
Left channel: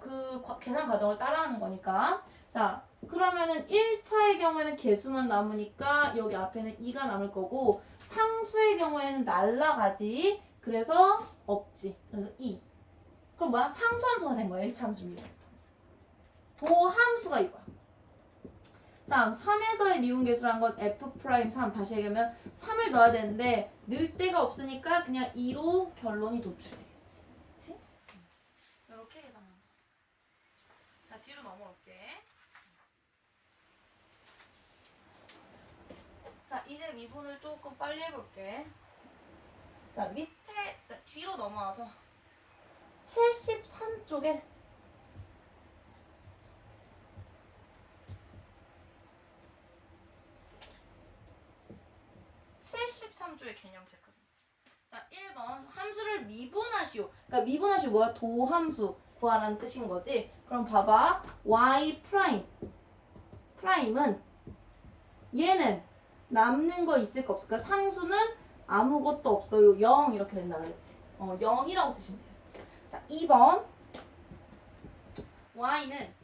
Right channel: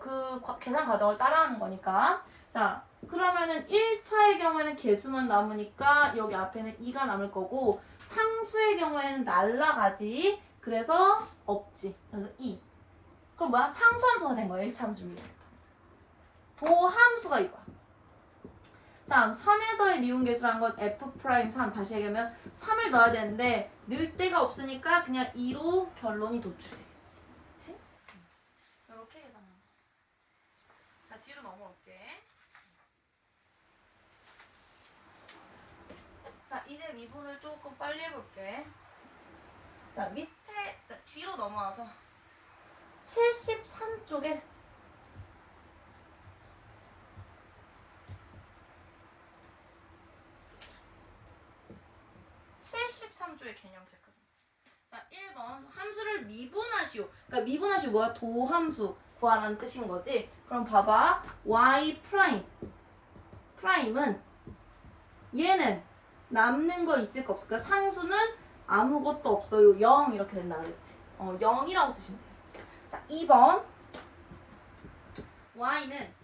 그 계산 과정을 따라하는 거니까. 자, 그러면은 1차의 경우에는 개수만 남으니까 여기 앞에는 2가 남을 거고 상수의 경우에는 날라가지. 그래서 없지. 그래서 2. 그럼 뭐야? 상수함수가 된 거야. 1차 함수 미분. 도함수가 이거야. 자, 3에서의 미분 계수란 건 f'3 다시 얘기하면 3을 넣어야 되는데 넣을 데가 없으니까 그냥 2로 결론이 도출되겠지. 그치? 이렇게 계산하면 돼. 자, 뒤로 넘어올게. 자, 이제 미분을 조금 빨리 해볼게. 자, 뒤로 넘어와서 73쪽에 73쪽의 개념 체크. 자, 1번 함수를 미분하시오. 그러니까 미분하시오 뭐야? 도함수 구하라는 뜻인 거지. 그럼 봐봐. y 프라임은 얘는 남는 거 있을 거 없을까? 상수는 아무것도 없어요. 0 이렇게 된다 그랬지. 0이라고 쓰시면 돼요. 자, 2번. y는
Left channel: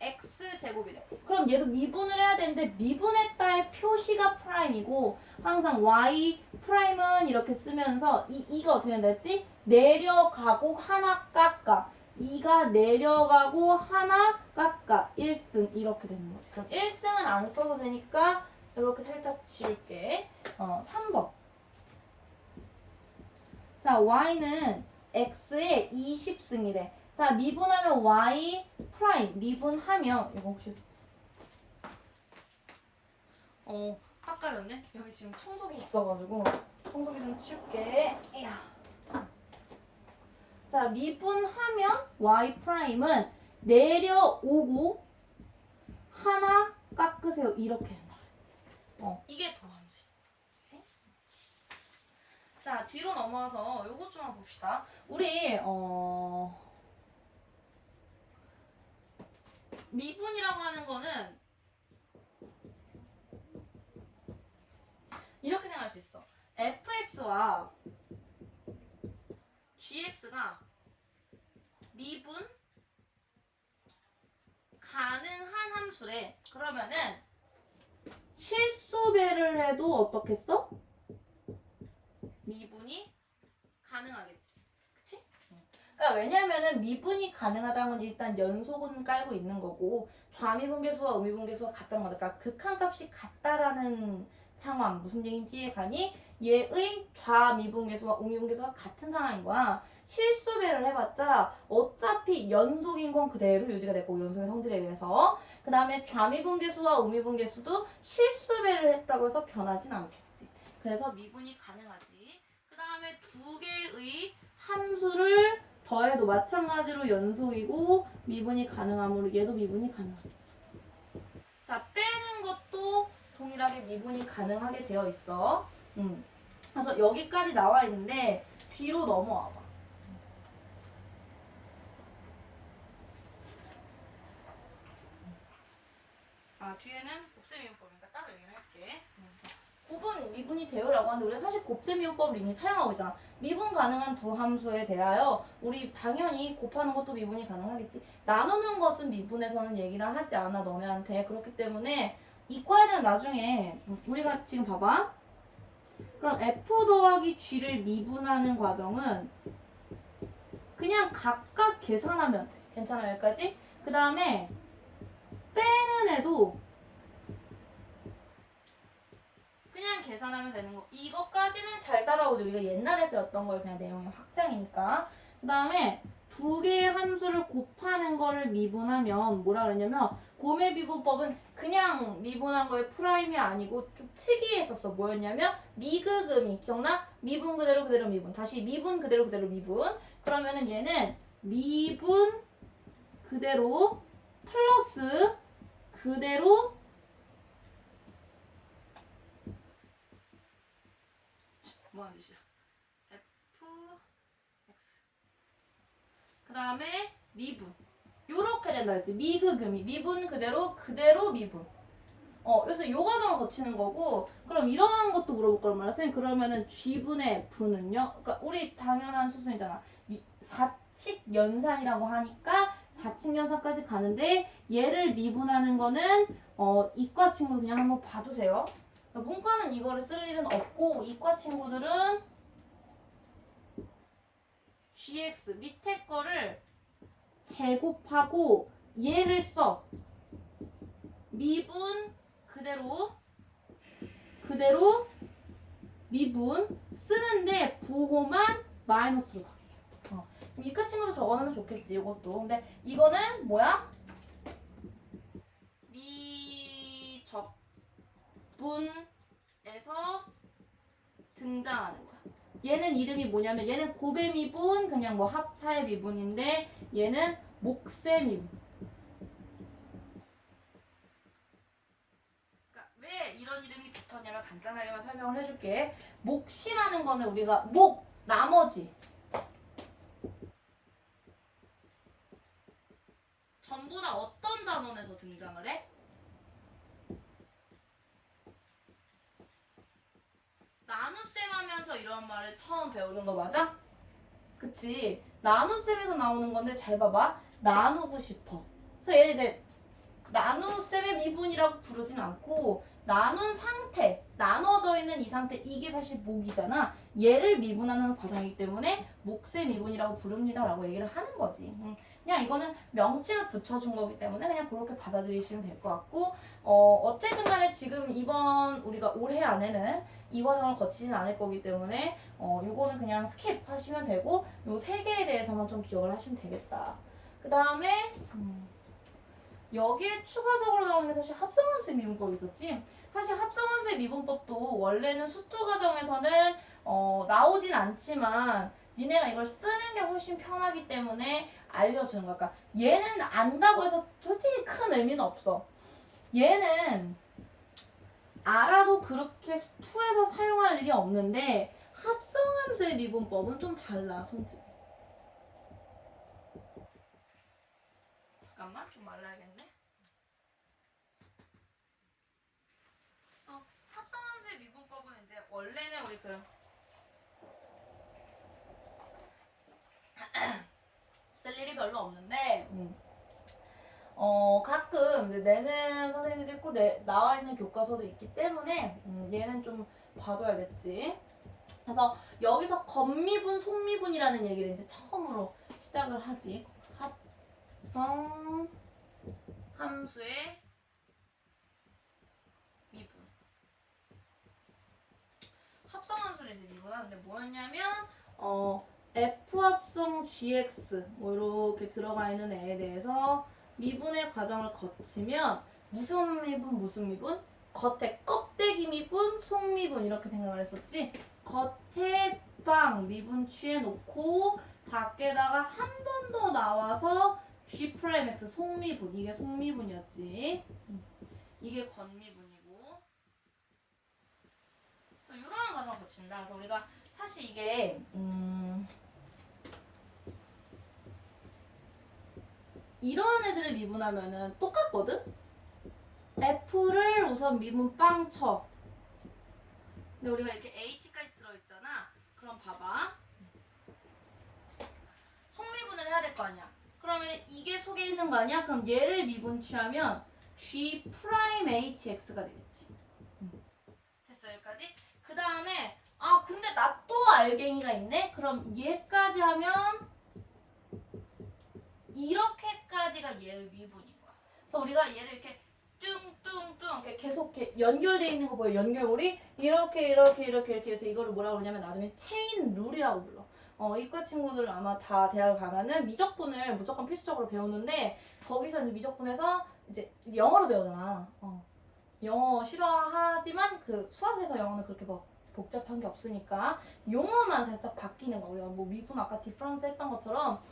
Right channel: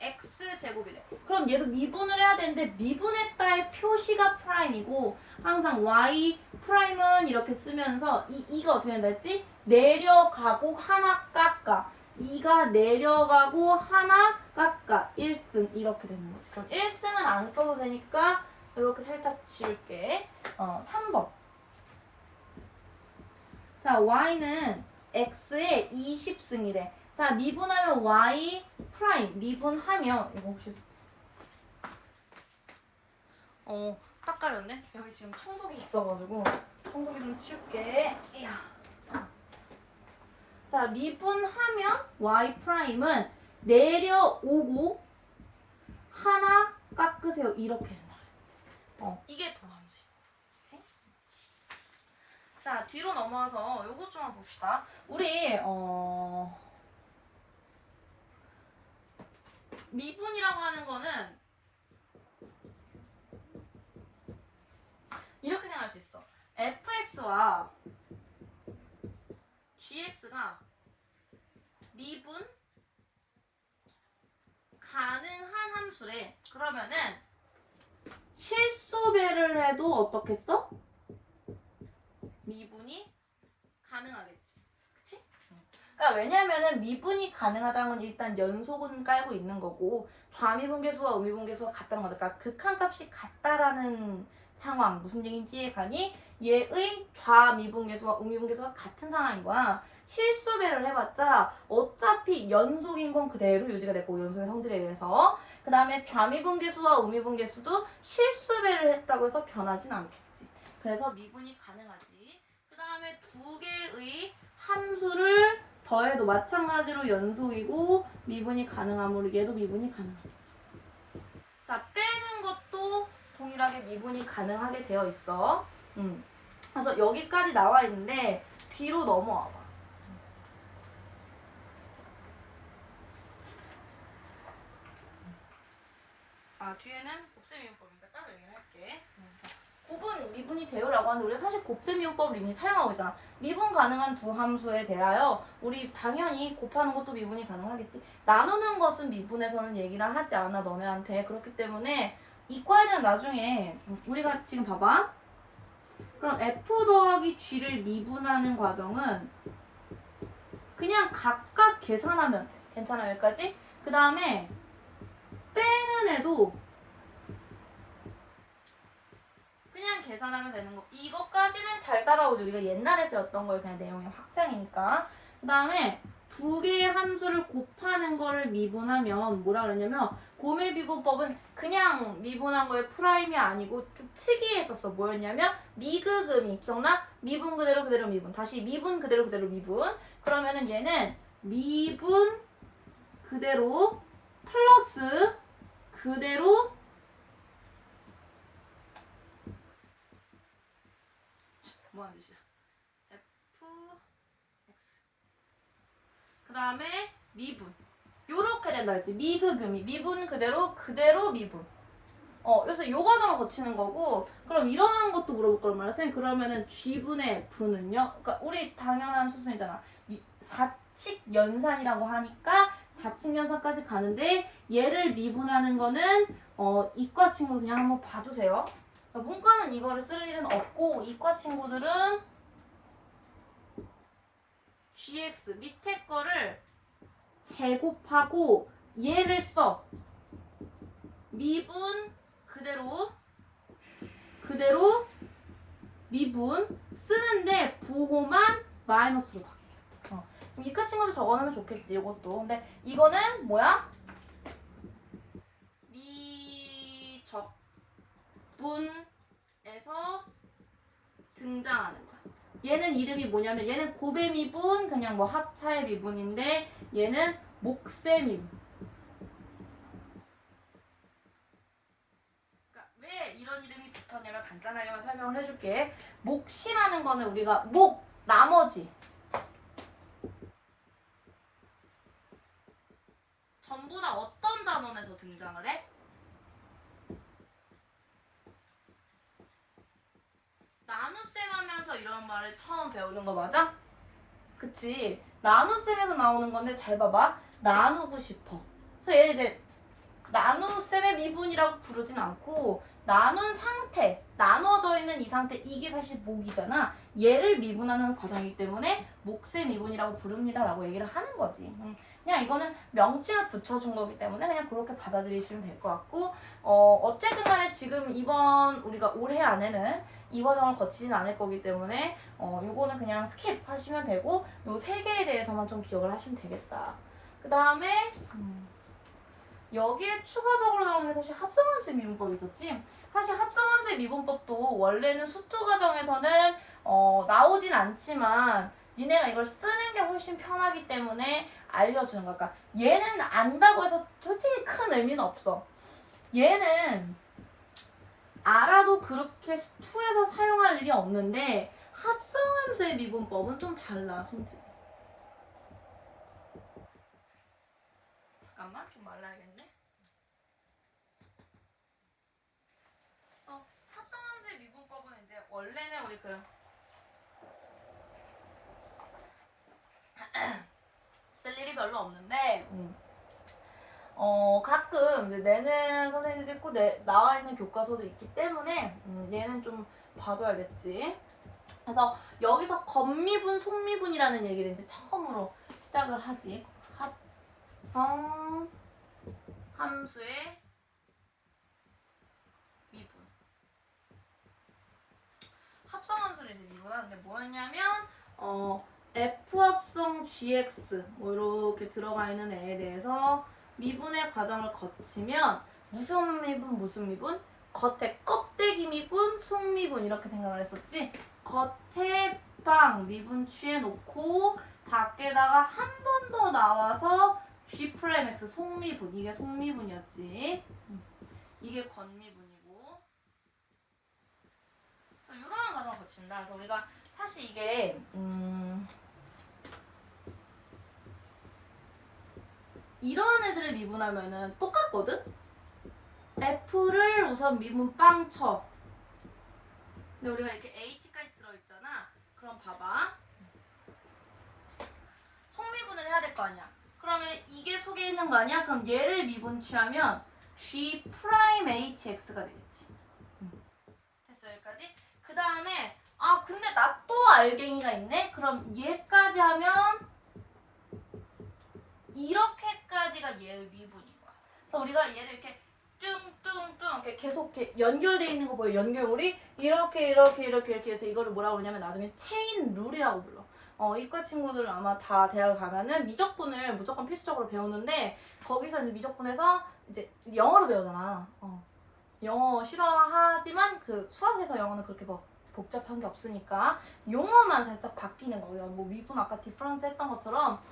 x제곱이래. 그럼 얘도 미분을 해야 되는데 미분했다의 표시가 프라임이고 항상 y 프라임은 이렇게 쓰면서 이가 어떻게 된다 했지? 내려가고 하나 깎아. 2가 내려가고 하나 깎아. 1승 이렇게 되는 거지. 그럼 1승은 안 써도 되니까 이렇게 살짝 지울게. 3번. 자, y는 x의 20승이래. 자, 미분하면 y 프라임. 미분하면 이거 혹시 딱 깔렸네. 여기 지금 청소기 있어가지고 청소기 좀 치울게. 이야. 자, 미분하면 y 프라임은 내려오고 하나 깎으세요. 이렇게 된다 그랬지. 이게 더함수. 그치? 자, 뒤로 넘어와서 요것 좀 한번 봅시다. 우리 미분이라고 하는 거는 이렇게 생각할 수 있어. fx와 gx가 미분 가능한 함수래. 그러면은 실수배를 해도 어떻겠어? 미분이 가능하겠지. 그치? 그러니까 왜냐면은 미분이 가능하다는 건 일단 연속은 깔고 있는 거고 좌미분계수와 우미분계수가 같다는 거죠. 그러니까 극한값이 같다라는 상황. 무슨 얘기인지 가니? 얘의 좌미분계수와 우미분계수가 같은 상황인 거야. 실수배를 해봤자 어차피 연속인 건 그대로 유지가 되고 연속의 성질에 의해서 그 다음에 좌미분계수와 우미분계수도 실수배를 했다고 해서 변하진 않겠지. 그래서 미분이 가능하지. 그 다음에 두 개의 함수를 더해도 마찬가지로 연속이고 미분이 가능하므로 얘도 미분이 가능합니다. 자, 빼는 것도 동일하게 미분이 가능하게 되어 있어. 그래서 여기까지 나와 있는데 뒤로 넘어와 봐. 뒤에는 곱셈이용법이니까 따로 얘기를 할게. 곱은 미분이 되요라고 하는데 우리가 사실 곱셈이용법을 이미 사용하고 있잖아. 미분 가능한 두 함수에 대하여 우리 당연히 곱하는 것도 미분이 가능하겠지. 나누는 것은 미분에서는 얘기를 하지 않아 너네한테. 그렇기 때문에 이과에는 나중에 우리가 지금 봐봐. 그럼 f 더하기 g를 미분하는 과정은 그냥 각각 계산하면 돼. 괜찮아 여기까지? 그 다음에 빼는 애도 그냥 계산하면 되는 거. 이것까지는 잘 따라오지. 우리가 옛날에 배웠던 거에 그냥 내용이 확장이니까. 그 다음에 두 개의 함수를 곱하는 거를 미분하면 뭐라 그랬냐면 곰의 미분법은 그냥 미분한 거에 프라임이 아니고 좀 특이했었어. 뭐였냐면 미그금이 기억나? 미분 그대로 그대로 미분. 다시 미분 그대로 그대로 미분. 그러면은 얘는 미분 그대로 플러스 그대로 뭐하는 뜻이야? f x 그 다음에 미분 요렇게 된다 했지. 미그금이 미분 그대로 그대로 미분. 그래서 요 과정을 거치는 거고 그럼 이러한 것도 물어볼 거란 말이야. 선생님 그러면은 g분의 f는요? 그러니까 우리 당연한 수순이잖아. 사칙 연산이라고 하니까 사칙 연산까지 가는데 얘를 미분하는 거는 이과 친구 그냥 한번 봐주세요. 그러니까 문과는 이거를 쓸 일은 없고 이과 친구들은 gx 밑에 거를 제곱하고 얘를 써. 미분 그대로 미분 쓰는데 부호만 마이너스로 바뀌어. 이과 친구도 적어놓으면 좋겠지 이것도. 근데 이거는 뭐야? 미적분에서 등장하는 거야. 얘는 이름이 뭐냐면 얘는 곱의 미분 그냥 뭐 합차의 미분인데 얘는 몫의 미분. 그러니까 왜 이런 이름이 붙었냐면 간단하게만 설명을 해줄게. 몫이라는 거는 우리가 나머지 전부 다 어떤 단원에서 등장을 해? 나눗셈 하면서 어디서 이런 말을 처음 배우는 거 맞아? 그치? 나눗셈에서 나오는 건데 잘 봐봐. 나누고 싶어. 그래서 얘 이제 나눗셈의 미분이라고 부르진 않고 나눈 상태, 나눠져 있는 이 상태, 이게 사실 목이잖아. 얘를 미분하는 과정이기 때문에 목세 미분이라고 부릅니다라고 얘기를 하는 거지. 그냥 이거는 명칭을 붙여준 거기 때문에 그냥 그렇게 받아들이시면 될 것 같고 어쨌든 간에 지금 이번 우리가 올해 안에는 이 과정을 거치진 않을 거기 때문에 요거는 그냥 스킵 하시면 되고 요 세 개에 대해서만 좀 기억을 하시면 되겠다. 그 다음에 여기에 추가적으로 나오는 게 사실 합성함수의 미분법이 있었지. 사실 합성함수의 미분법도 원래는 수투 과정에서는 나오진 않지만 니네가 이걸 쓰는 게 훨씬 편하기 때문에 알려주는 거야. 그러니까 얘는 안다고 해서 솔직히 큰 의미는 없어. 얘는 알아도 그렇게 수투에서 사용할 일이 없는데 합성함수의 미분법은 좀 달라, 손질. 잠깐만, 좀 말라야겠네. 그래서 합성함수의 미분법은 이제 원래는 우리 쓸 일이 별로 없는데 가끔 이제 내는 선생님도 있고 나와 있는 교과서도 있기 때문에 얘는 좀 봐둬야겠지. 그래서 여기서 겉미분, 속미분이라는 얘기를 이제 처음으로 시작을 하지. 합성 함수의 미분. 합성 함수를 이제 미분하는데 뭐였냐면 F 합성 GX 뭐 이렇게 들어가 있는 애에 대해서 미분의 과정을 거치면 무슨 미분 무슨 미분? 겉에 껍데기 미분, 속 미분 이렇게 생각을 했었지. 겉에 빵 미분 취해놓고 밖에다가 한 번 더 나와서 G'X 속미분 이게 속미분이었지. 이게 겉미분이고. 그래서 이런 과정을 거친다. 그래서 우리가 사실 이게 이런 애들을 미분하면은 똑같거든? F를 우선 미분 빵 쳐. 근데 우리가 이렇게 H까지 들어있잖아. 그럼 봐봐. 속미분을 해야 될 거 아니야. 그러면 이게 속에 있는 거 아니야? 그럼 얘를 미분 취하면 G'HX가 되겠지. 됐어, 여기까지? 그 다음에 근데 나 또 알갱이가 있네? 그럼 얘까지 하면 이렇게까지가 얘의 미분인 거야. 그래서 우리가 얘를 이렇게 뚱뚱뚱 이렇게 계속 이렇게 연결되어 있는 거 보여. 연결고리 이렇게 해서 이거를 뭐라고 그러냐면 나중에 체인 룰이라고 불러. 이과 친구들 아마 다 대학 가면은 미적분을 무조건 필수적으로 배우는데 거기서 이제 미적분에서 이제 영어로 배우잖아. 영어 싫어하지만 그 수학에서 영어는 그렇게 뭐 복잡한 게 없으니까 용어만 살짝 바뀌는 거예요. 뭐 미분 아까 디퍼런스 했던 것처럼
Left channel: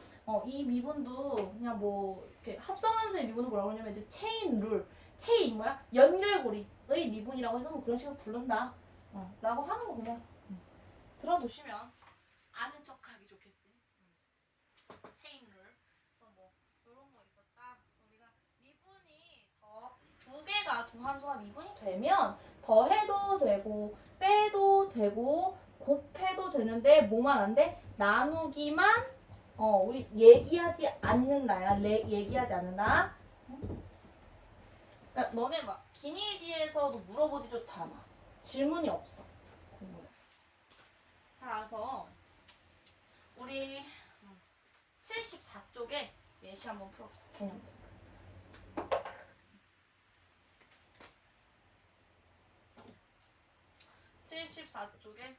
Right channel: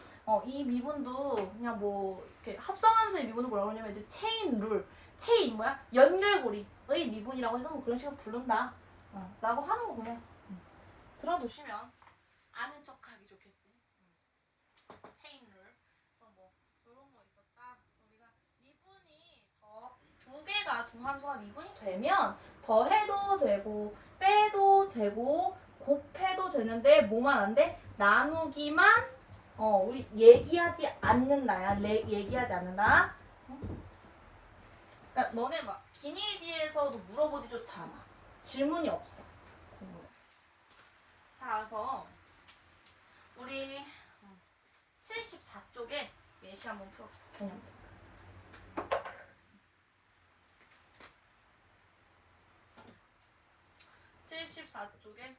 이 미분도 그냥 뭐 이렇게 합성함수의 미분은 뭐라고 하냐면 이제 체인 룰, 체인 뭐야? 연결고리의 미분이라고 해서 뭐 그런 식으로 부른다. 라고 하는 거 그냥 들어두시면 아는 척하기 좋겠지. 체인 룰. 그래서 뭐 이런 거 있었다. 우리가 미분이 두 개가 두 함수가 미분이 되면 더해도 되고 빼도 되고 곱해도 되는데 뭐만 안 돼? 나누기만 우리 얘기하지 않는다야. 얘기하지 않는다. 그러니까 너네 막 기니디에서도 물어보지조차 않아. 질문이 없어. 자, 그래서 우리 74쪽에 예시 한번 풀어봅시다. 74쪽에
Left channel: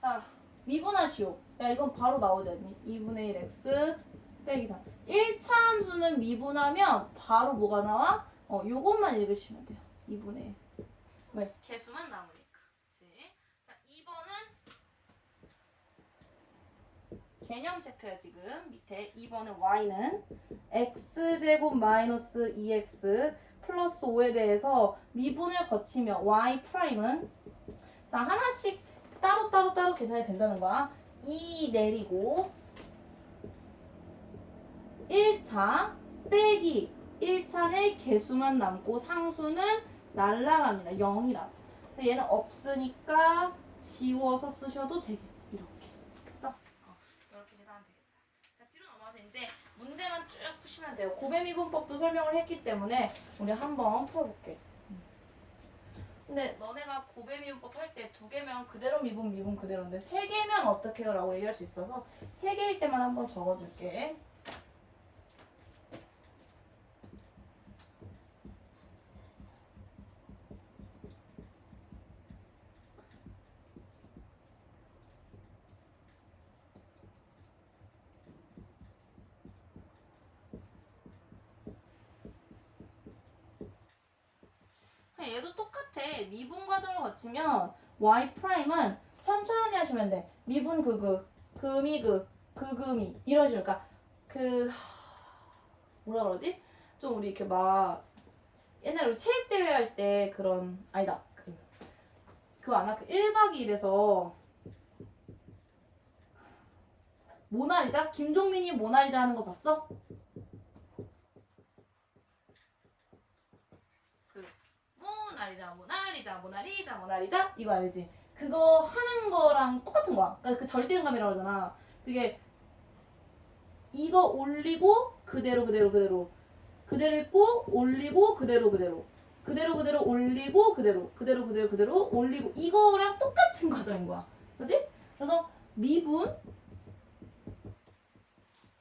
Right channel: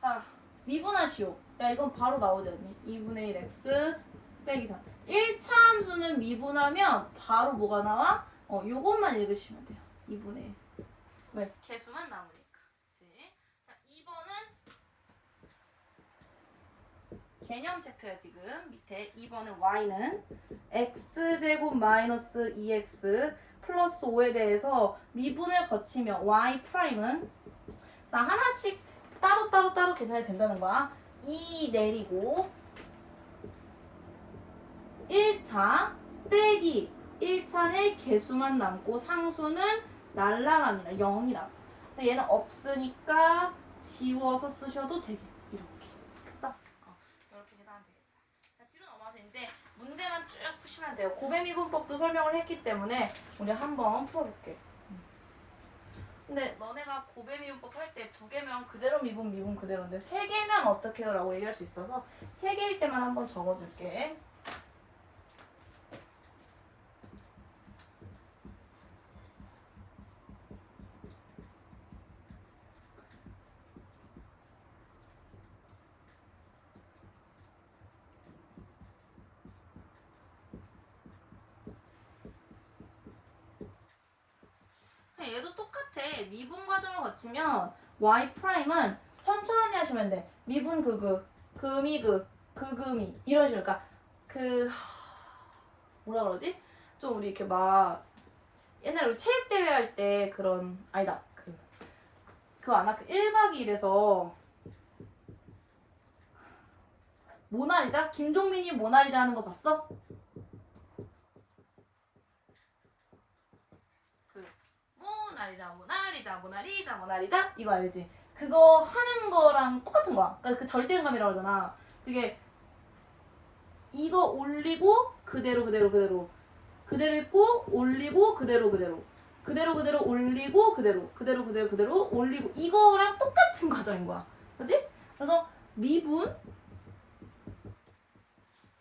자 미분하시오. 야 이건 바로 나오지 않니? 2분의 1 x 빼기 3. 1차 함수는 미분하면 바로 뭐가 나와? 요것만 읽으시면 돼요. 2분의 1. 왜? 개수만 나오니까. 그치? 자 2번은 개념 체크야 지금. 밑에 2번은 y는 x제곱 마이너스 2x 플러스 5에 대해서 미분을 거치며 y 프라임은 자 하나씩 따로 계산이 된다는 거야. 2 내리고 1차 빼기 1차는 개수만 남고 상수는 날라갑니다. 0이라서. 그래서 얘는 없으니까 지워서 쓰셔도 되겠지. 이렇게. 됐어? 이렇게 계산하면 되겠다. 자, 뒤로 넘어가서 이제 문제만 쭉 푸시면 돼요. 고배미분법도 설명을 했기 때문에 우리 한번 풀어볼게. 근데 너네가 고배미분법 할 때 2개면 그대로 미분 그대로인데 3개면 어떻게 해요? 라고 얘기할 수 있어서 3개일 때만 한번 적어줄게. 얘도 똑같아. 미분 과정을 거치면 y 프라임은 천천히 하시면 돼. 미분 금이 금이 이런 식으로. 그러니까 뭐라 그러지? 좀 우리 이렇게 막 옛날에 우리 체육대회 할 때 그런 아니다. 그거 아나? 1박 2일에서 모나리자? 김종민이 모나리자 하는 거 봤어? 모나리자 이거 알지? 그거 하는 거랑 똑같은 거야. 그러니까 그 절대음감이라고 하잖아. 그게 이거 올리고 그대로 있고 올리고 그대로 올리고 그대로 올리고 이거랑 똑같은 과정인 거야. 그지? 그래서 미분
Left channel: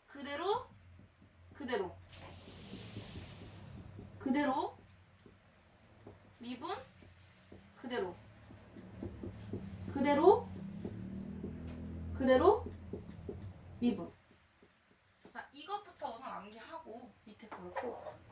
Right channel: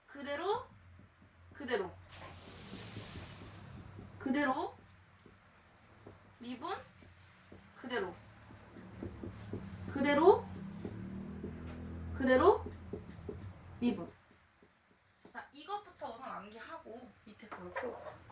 그대로 미분 그대로 미분. 자, 이것부터 우선 암기하고 밑에 그걸 풀어보자.